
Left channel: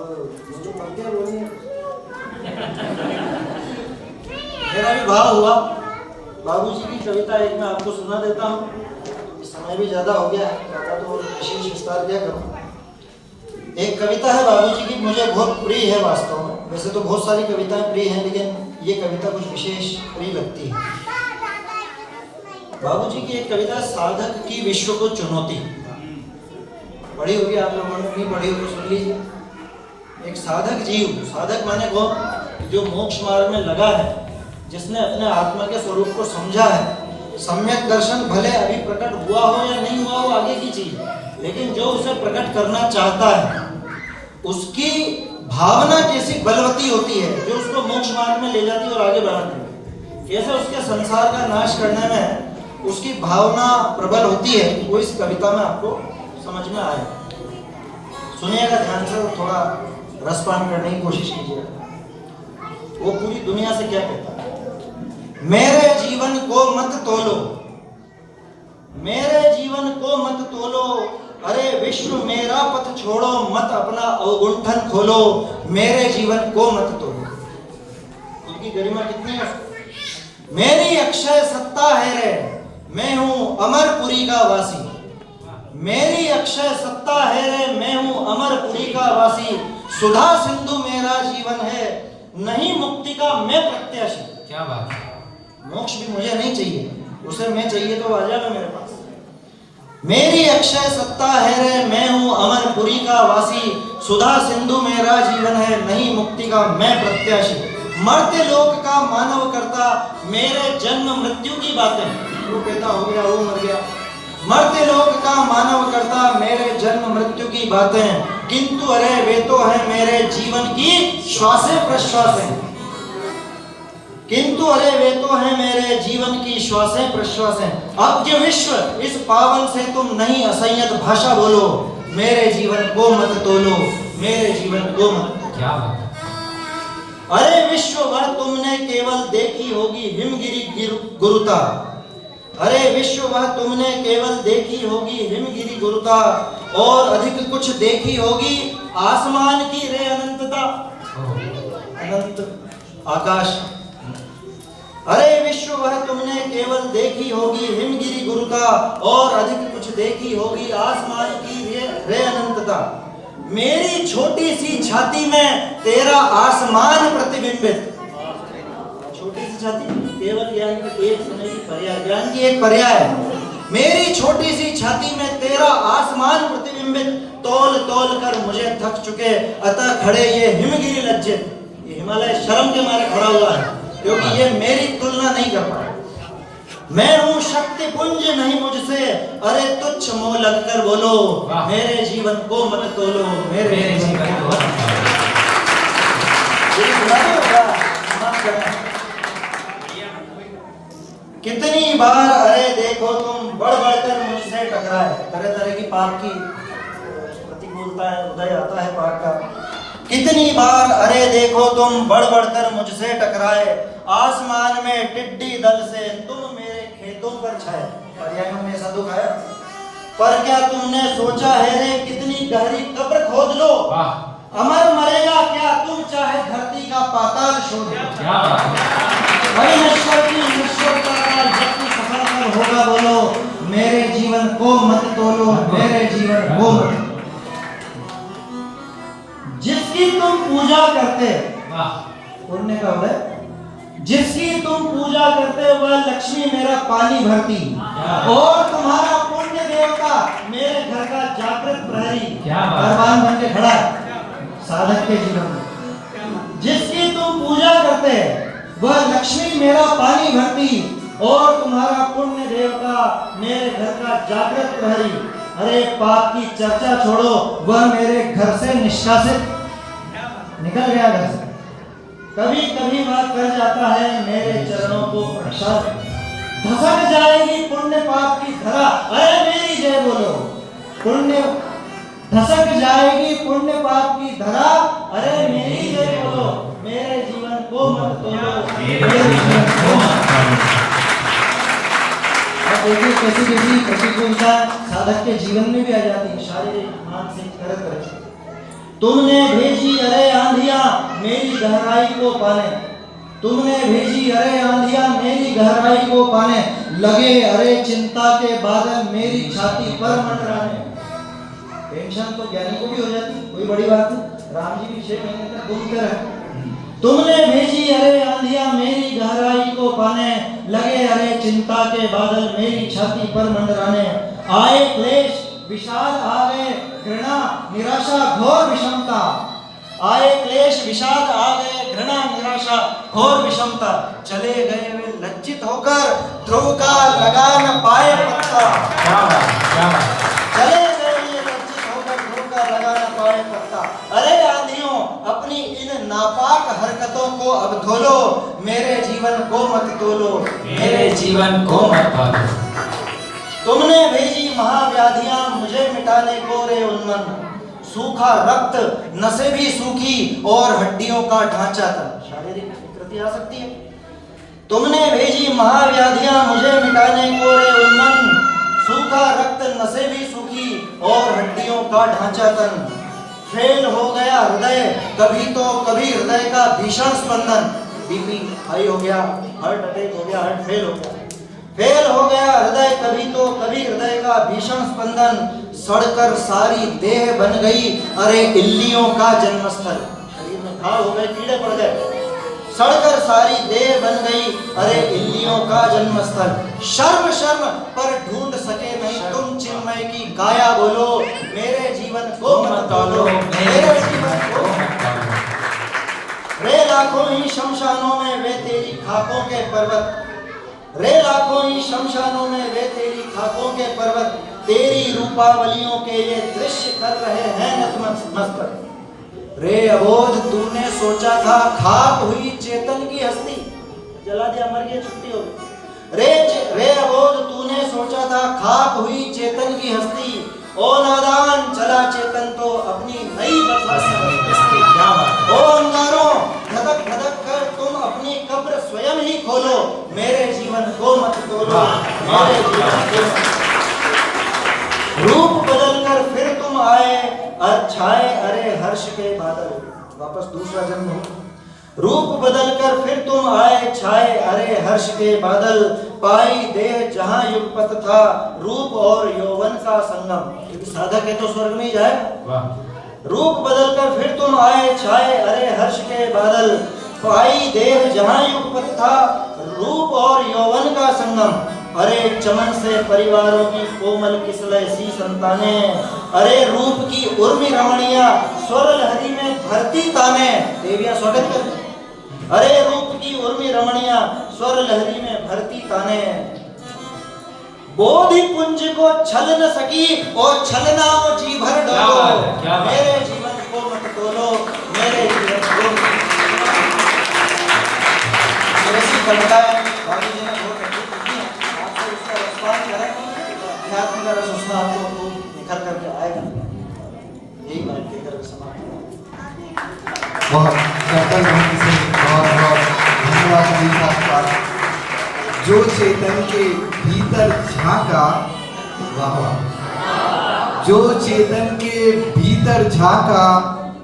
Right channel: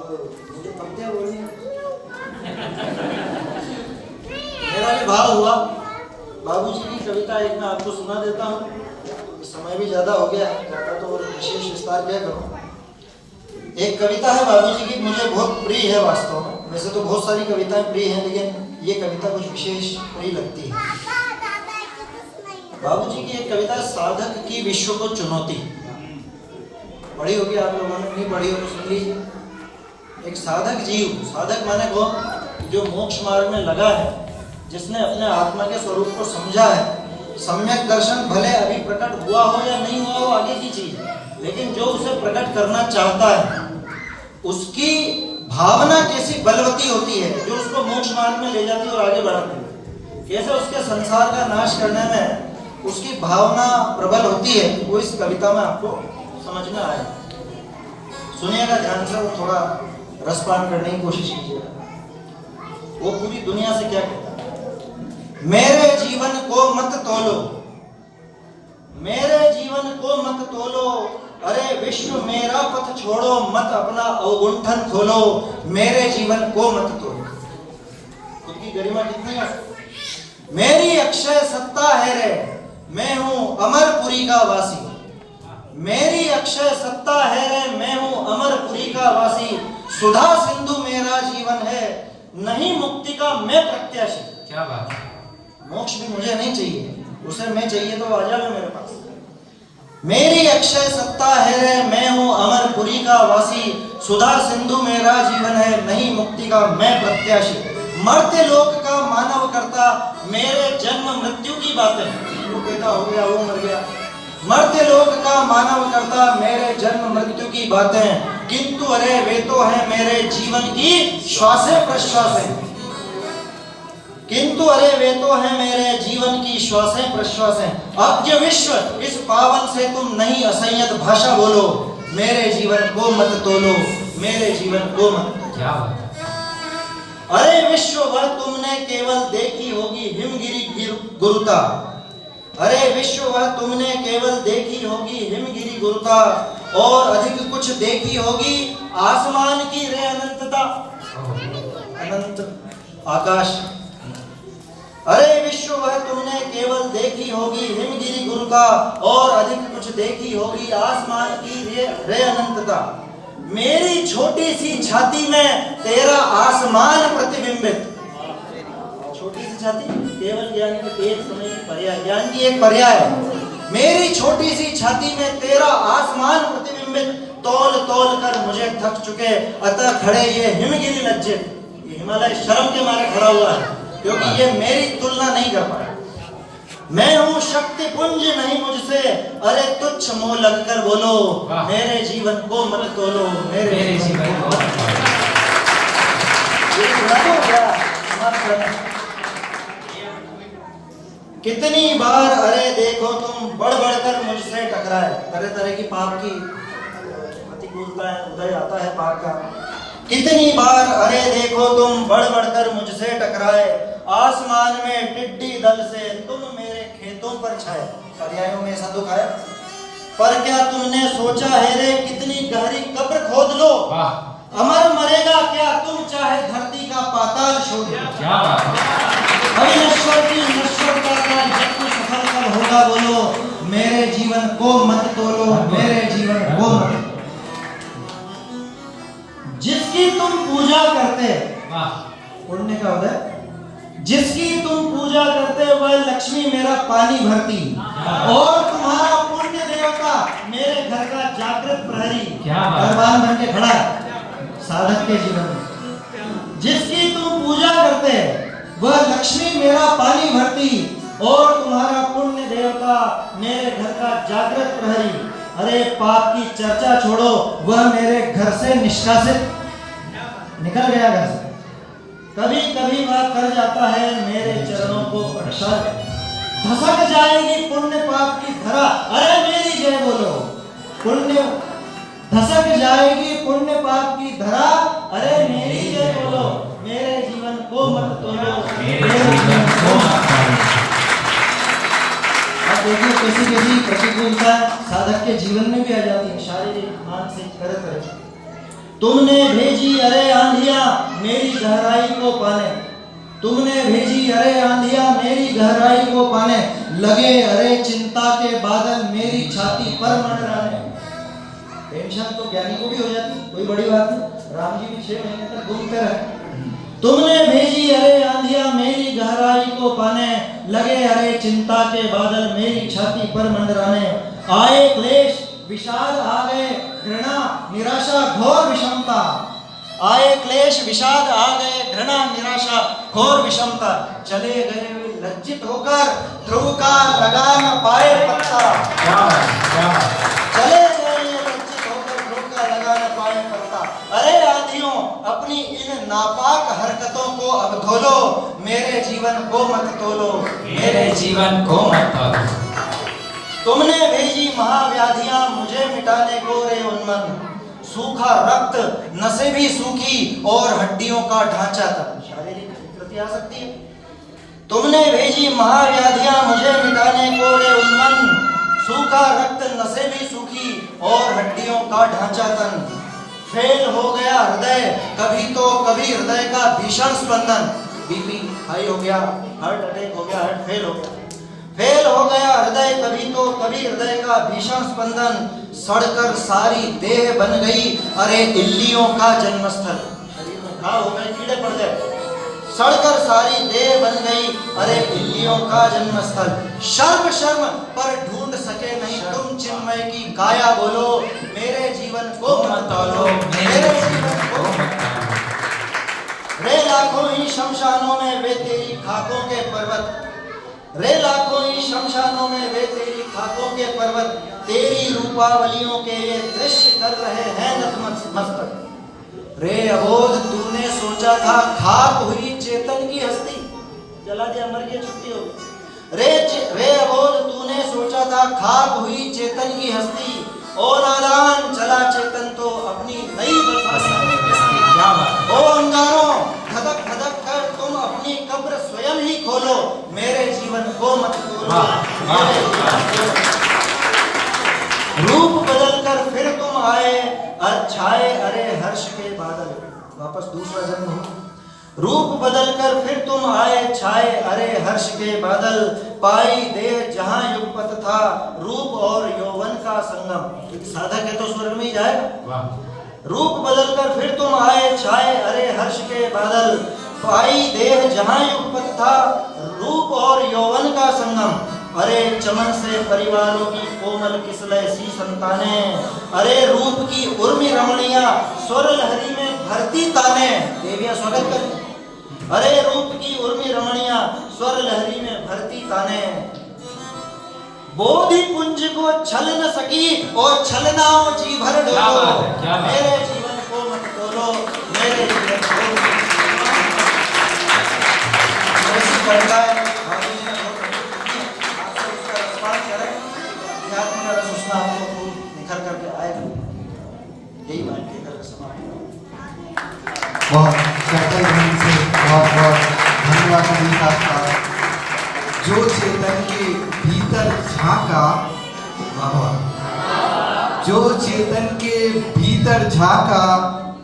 मुझे पंक्तियां बोलनी है, मेरा भी भाव हुआ। बाबूजी की कविता एक मैं आपको सुना देता हूँ। समय भी ज्यादा हो गया है, ज्यादा तो विशेष विस्तार क्या करूँ। एक कविता है बाबूजी की, मुझे बहुत प्रिय है वास्तव में। वैसे तो बहुत सारी कविताएं प्रिय हैं, लेकिन ये कविता कुछ विशेष प्रिय लगती है। बाबूजी की एक कविता, साधक की विश्व को चुनौती। पढ़ी होगी आप लोगों ने, नहीं पढ़ी हो तो सुन लीजिए। एक साधक जीव, साधक माने वो जो मोक्ष मार्ग में लगा है, जिसने अपने आत्मा के स्वरूप को समझा है। सम्यक दर्शन भले अभी प्रकट हुआ हो या नहीं हुआ हो आगे की चीज, लेकिन जो उसे प्रकट करना चाहता है उसकी भावना कैसी बलवती होती है, जो उसको मोक्ष मार्ग में ले जाती है और आगे बढ़ाती है। कैसे उसके संसार का नाश करने में उसकी भावना प्रबल होती है, वो इस कविता में आपको समझ में आए। सुनिएगा ध्यान से और थोड़ा रसपान करने की कोशिश कीजिएगा। वो पूरी दुनिया से क्या कहता है। मेरे जीवन को मत तोलो, मेरे जीवन को मत तोलो, अरे विश्व मेरा पथ छोड़ो, मत अपना अवगुंठन खोलो, मेरे जीवन को मत तोलो। उनकी गरिमा कितनी है। मेरी अक्षय सत्ता है रे, मैं हूं अमरपुरी का वासी। मेरी अक्षय सत्ता है रे, मैं हूं अमरपुरी का वासी। सुधा सिंधु मेरा जीवन है, नहीं मुक्ति का मैं प्रत्याशी। क्या बात है। मोक्ष भी मुझे नहीं चाहिए, उसे मैं चाहिए तो आ जाओ मेरे पास। मेरी अक्षय सत्ता है रे, मैं हूं अमरपुरी का वासी। सुधा सिंधु मेरा जीवन है, नहीं मुक्ति का मैं प्रत्याशी। मरते लोक का मानव करता, मेरे जन्म मृत्यु की बातें। वो कहता हो गया, वो मर गया। मरते लोक का मानव करता, मेरे जन्म मृत्यु की बातें, किंतु अरे वे तो है मेरे जीवन की श्वासें प्रश्वासें। किंतु अरे वे तो है मेरे जीवन की श्वासें प्रश्वासें। अज्ञ विश्व इस पावन से तुम नहीं असंयत भाषा बोलो, मेरे जीवन को मत तोलो, मेरे जीवन को मत। क्या बात है। अरे विश्व भर तुमने केवल देखी होगी हिमगिरी गुरुता। अरे विश्व भर तुमने केवल देखी होगी हिमगिरी गुरुता, और अधिक कुछ देखी होगी आसमान की रे अनंतता, अनंत आकाश। अरे विश्व भर तुमने केवल देखी होगी हिमगिरी गुरुता, और अधिक कुछ देखी होगी आसमान की रे अनंतता। मेरी छोटी सी छाती में तेरा आसमान प्रतिबिंबित। छोटी सी छाती केवल ज्ञान की एक समय की पर्याय, ज्ञान की एक पर्याय है। मेरी छोटी सी छाती में तेरा आसमान प्रतिबिंबित, तौल तौल कर मुझे थक चुके, अतः खड़े ये हिमगिरी लज्जित। ये हिमालय शर्म के मारे खड़ा हुआ है, क्योंकि ये मेरी तुलना नहीं कर पा। मैं हूँ शक्ति पुंज नहीं मुझसे, अरे तुच्छ मोह लगकर बोलो, मेरे जीवन को मत तोलो, मेरे जीवन को मत तोलो। कितनी बार अरे देखो तुम बढ़ बढ़कर मुझसे टकराए। तरह तरह की पाप की प्रतिकूलता है, उदय आता है पाप का। कितनी बार अरे देखो तुम बढ़ बढ़कर मुझसे टकराए, आसमान में टिड्डी दल से तुम मेरे खेतों पर छाए। पर्यायों में ऐसा दुख है, पर क्या तुमने सोचा है रे कितनी गहरी कब्र खोद लो, अमर मरेगा क्या तुम चाहे धरती का पाताल शोध। क्या बात है। नश्वर की नश्वरता का जब तू सफल होगा बोलो, मेरे जीवन को मत तोलो, मेरे जीवन को मत। जिसकी तुम पूजा करते, पुण्य का उदय, जिसकी तुम पूजा करते वह लक्ष्मी मेरा पानी भरती, और तुम्हारा पुण्य देवता मेरे घर का जागृत प्रहरी। भगवान बन के खड़ा है साधक के जीवन में। जिसकी तुम पूजा करते वह लक्ष्मी मेरा पानी भरती, और तुम्हारा पुण्य देवता मेरे घर का जागृत प्रहरी। अरे पाप की चर्चा छोड़ो, वह मेरे घर से निष्कासित निकल गया घर से। कभी कभी वह कर जाता है मेरे चरणों को प्रसाद, धसक जाएगी पुण्य पाप की धरा। अरे मेरी जय बोलो, पुण्य धसक जाएगी पुण्य पाप की धरा। अरे मेरी जय बोलो, मेरे जीवन को मत तोलो, मेरे जीवन को मत तोलो। अब देखिए कैसी कैसी प्रतिकूलता साधक के जीवन में भी आ जाती है, शारीरिक मानसिक तरह तरह। तुमने भेजी अरे आंधियां मेरी गहराई को पाने, तुमने भेजी अरे आंधियां मेरी गहराई को पाने, लगे अरे चिंता के बादल मेरी छाती पर मंडराने। टेंशन तो ज्ञानी को भी हो जाती, कोई बड़ी बात नहीं। राम जी भी 6 महीने तक घूमते रहे। तुमने भेजी अरे आंधियां मेरी गहराई को पाने, लगे अरे चिंता के बादल मेरी छाती पर मंडराने। आए क्लेश विषाद आ गए घृणा निराशा घोर विषमता, आए क्लेश विषाद आ गए घृणा निराशा घोर विषमता। चले गए वे लज्जित होकर, ध्रुव का लगा न पाए पत्ता। चले गए ये लज्जित होकर, ध्रुव का लगा न पाए पत्ता। अरे आंधियों अपनी इन नापाक हरकतों को अब धोलो, मेरे जीवन को मत तोलो, मेरे जीवन को मत तोलो। तुमने भेजी महाव्याधियां मुझे मिटाने को रे उन्मन, सूखा रक्त नसें भी सूखी और हड्डियों का ढांचा तक। शारीरिक विकृति आ सकती है। तुमने भेजी महाव्याधियां मुझे मिटाने को रे उन्मन, सूखा रक्त नसें भी सूखी और हड्डियों का ढांचा तन। फेल हो गया हृदय कभी तो कभी हृदय का भीषण स्पंदन, बीपी हाई हो गया, हार्ट अटैक हो गया, हार्ट फेल हो गया। फेल हो गया हृदय कभी तो कभी हृदय का भीषण स्पंदन, सड़कर सारी देह बन गई अरे इल्लियों का जन्मस्थल। शरीर में घाव हो गए, कीड़े पड़ गए, सड़कर सारी देह बन गई अरे इल्लियों का जन्मस्थल। शर्म शर्म पर ढूंढ सके नहीं तुम तुम चिन्मय की काया बोलो, मेरे जीवन को मत तोलो, मेरे जीवन को मत तोलो। रे लाखों ही शमशानों में वे तेरी खाकों के पर्वत, रे लाखों ही शमशानों में वे तेरी खाकों के पर्वत, तेरी रूपावलियों के ये दृश्य कर रहे हैं नतमस्तक। रे अबोध तूने सोचा था खाक हुई चेतन की हस्ती, जला दिया मर गया छुट्टी हो गई। रे अबोध तूने सोचा था खाक हुई चेतन की हस्ती, ओ नादान चला चेतन तो अपनी नई बसाने। ओ अंगारों धधक धधक कर तुम अपनी कब्र स्वयं ही खोलो, मेरे जीवन को मत खोलो, मेरे जीवन को मत। रूप बदलकर फिर तुम आए छाए अरे हर्ष के बादल, वापस दूसरा जन्म हो। रूप बदलकर फिर तुम आए छाए अरे हर्ष के बादल, पाई देह जहां युगपत था रूप और यौवन का संगम। क्योंकि साधक है तो स्वर्ग में ही जाए। रूप बदलकर फिर तुम आए छाए अरे हर्ष के बादल, पाई देह जहां युगपत था रूप और यौवन का संगम। अरे चमन से परिवारों की कोमल किसलय सी संताने, अरे रूप की उर्मी रमणिया स्वर लहरी में भरती ताने। देवियां स्वागत करती। अरे रूप की उर्मी रमणिया स्वर लहरी में भरती ताने। बोधि पुंज को छल न सकी और छलना जी भर डोलो, मेरे जीवन को मत तोलो, मेरे जीवन को ऐसी करता है। बाकी ये बहुत आपसे इसका रिस्पॉन्स है, अध्यात्म का रस उसमें आपको निखर करके आएगा। यही बात कहकर समाप्त। बहुत कर्तव्य ढंग से बहुत बहुत धन्यवाद अभी आपका। जो चेतन के भीतर झांका, जो चेतन के भीतर झांका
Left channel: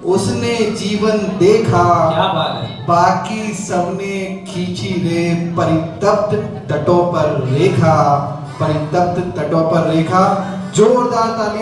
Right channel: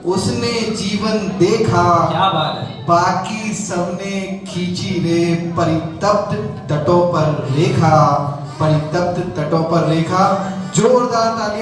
उसने जीवन देखा। क्या बात है। बाकी सबने खींची रे परितप्त तटों पर रेखा, परितप्त तटों पर रेखा। जोरदार ताली।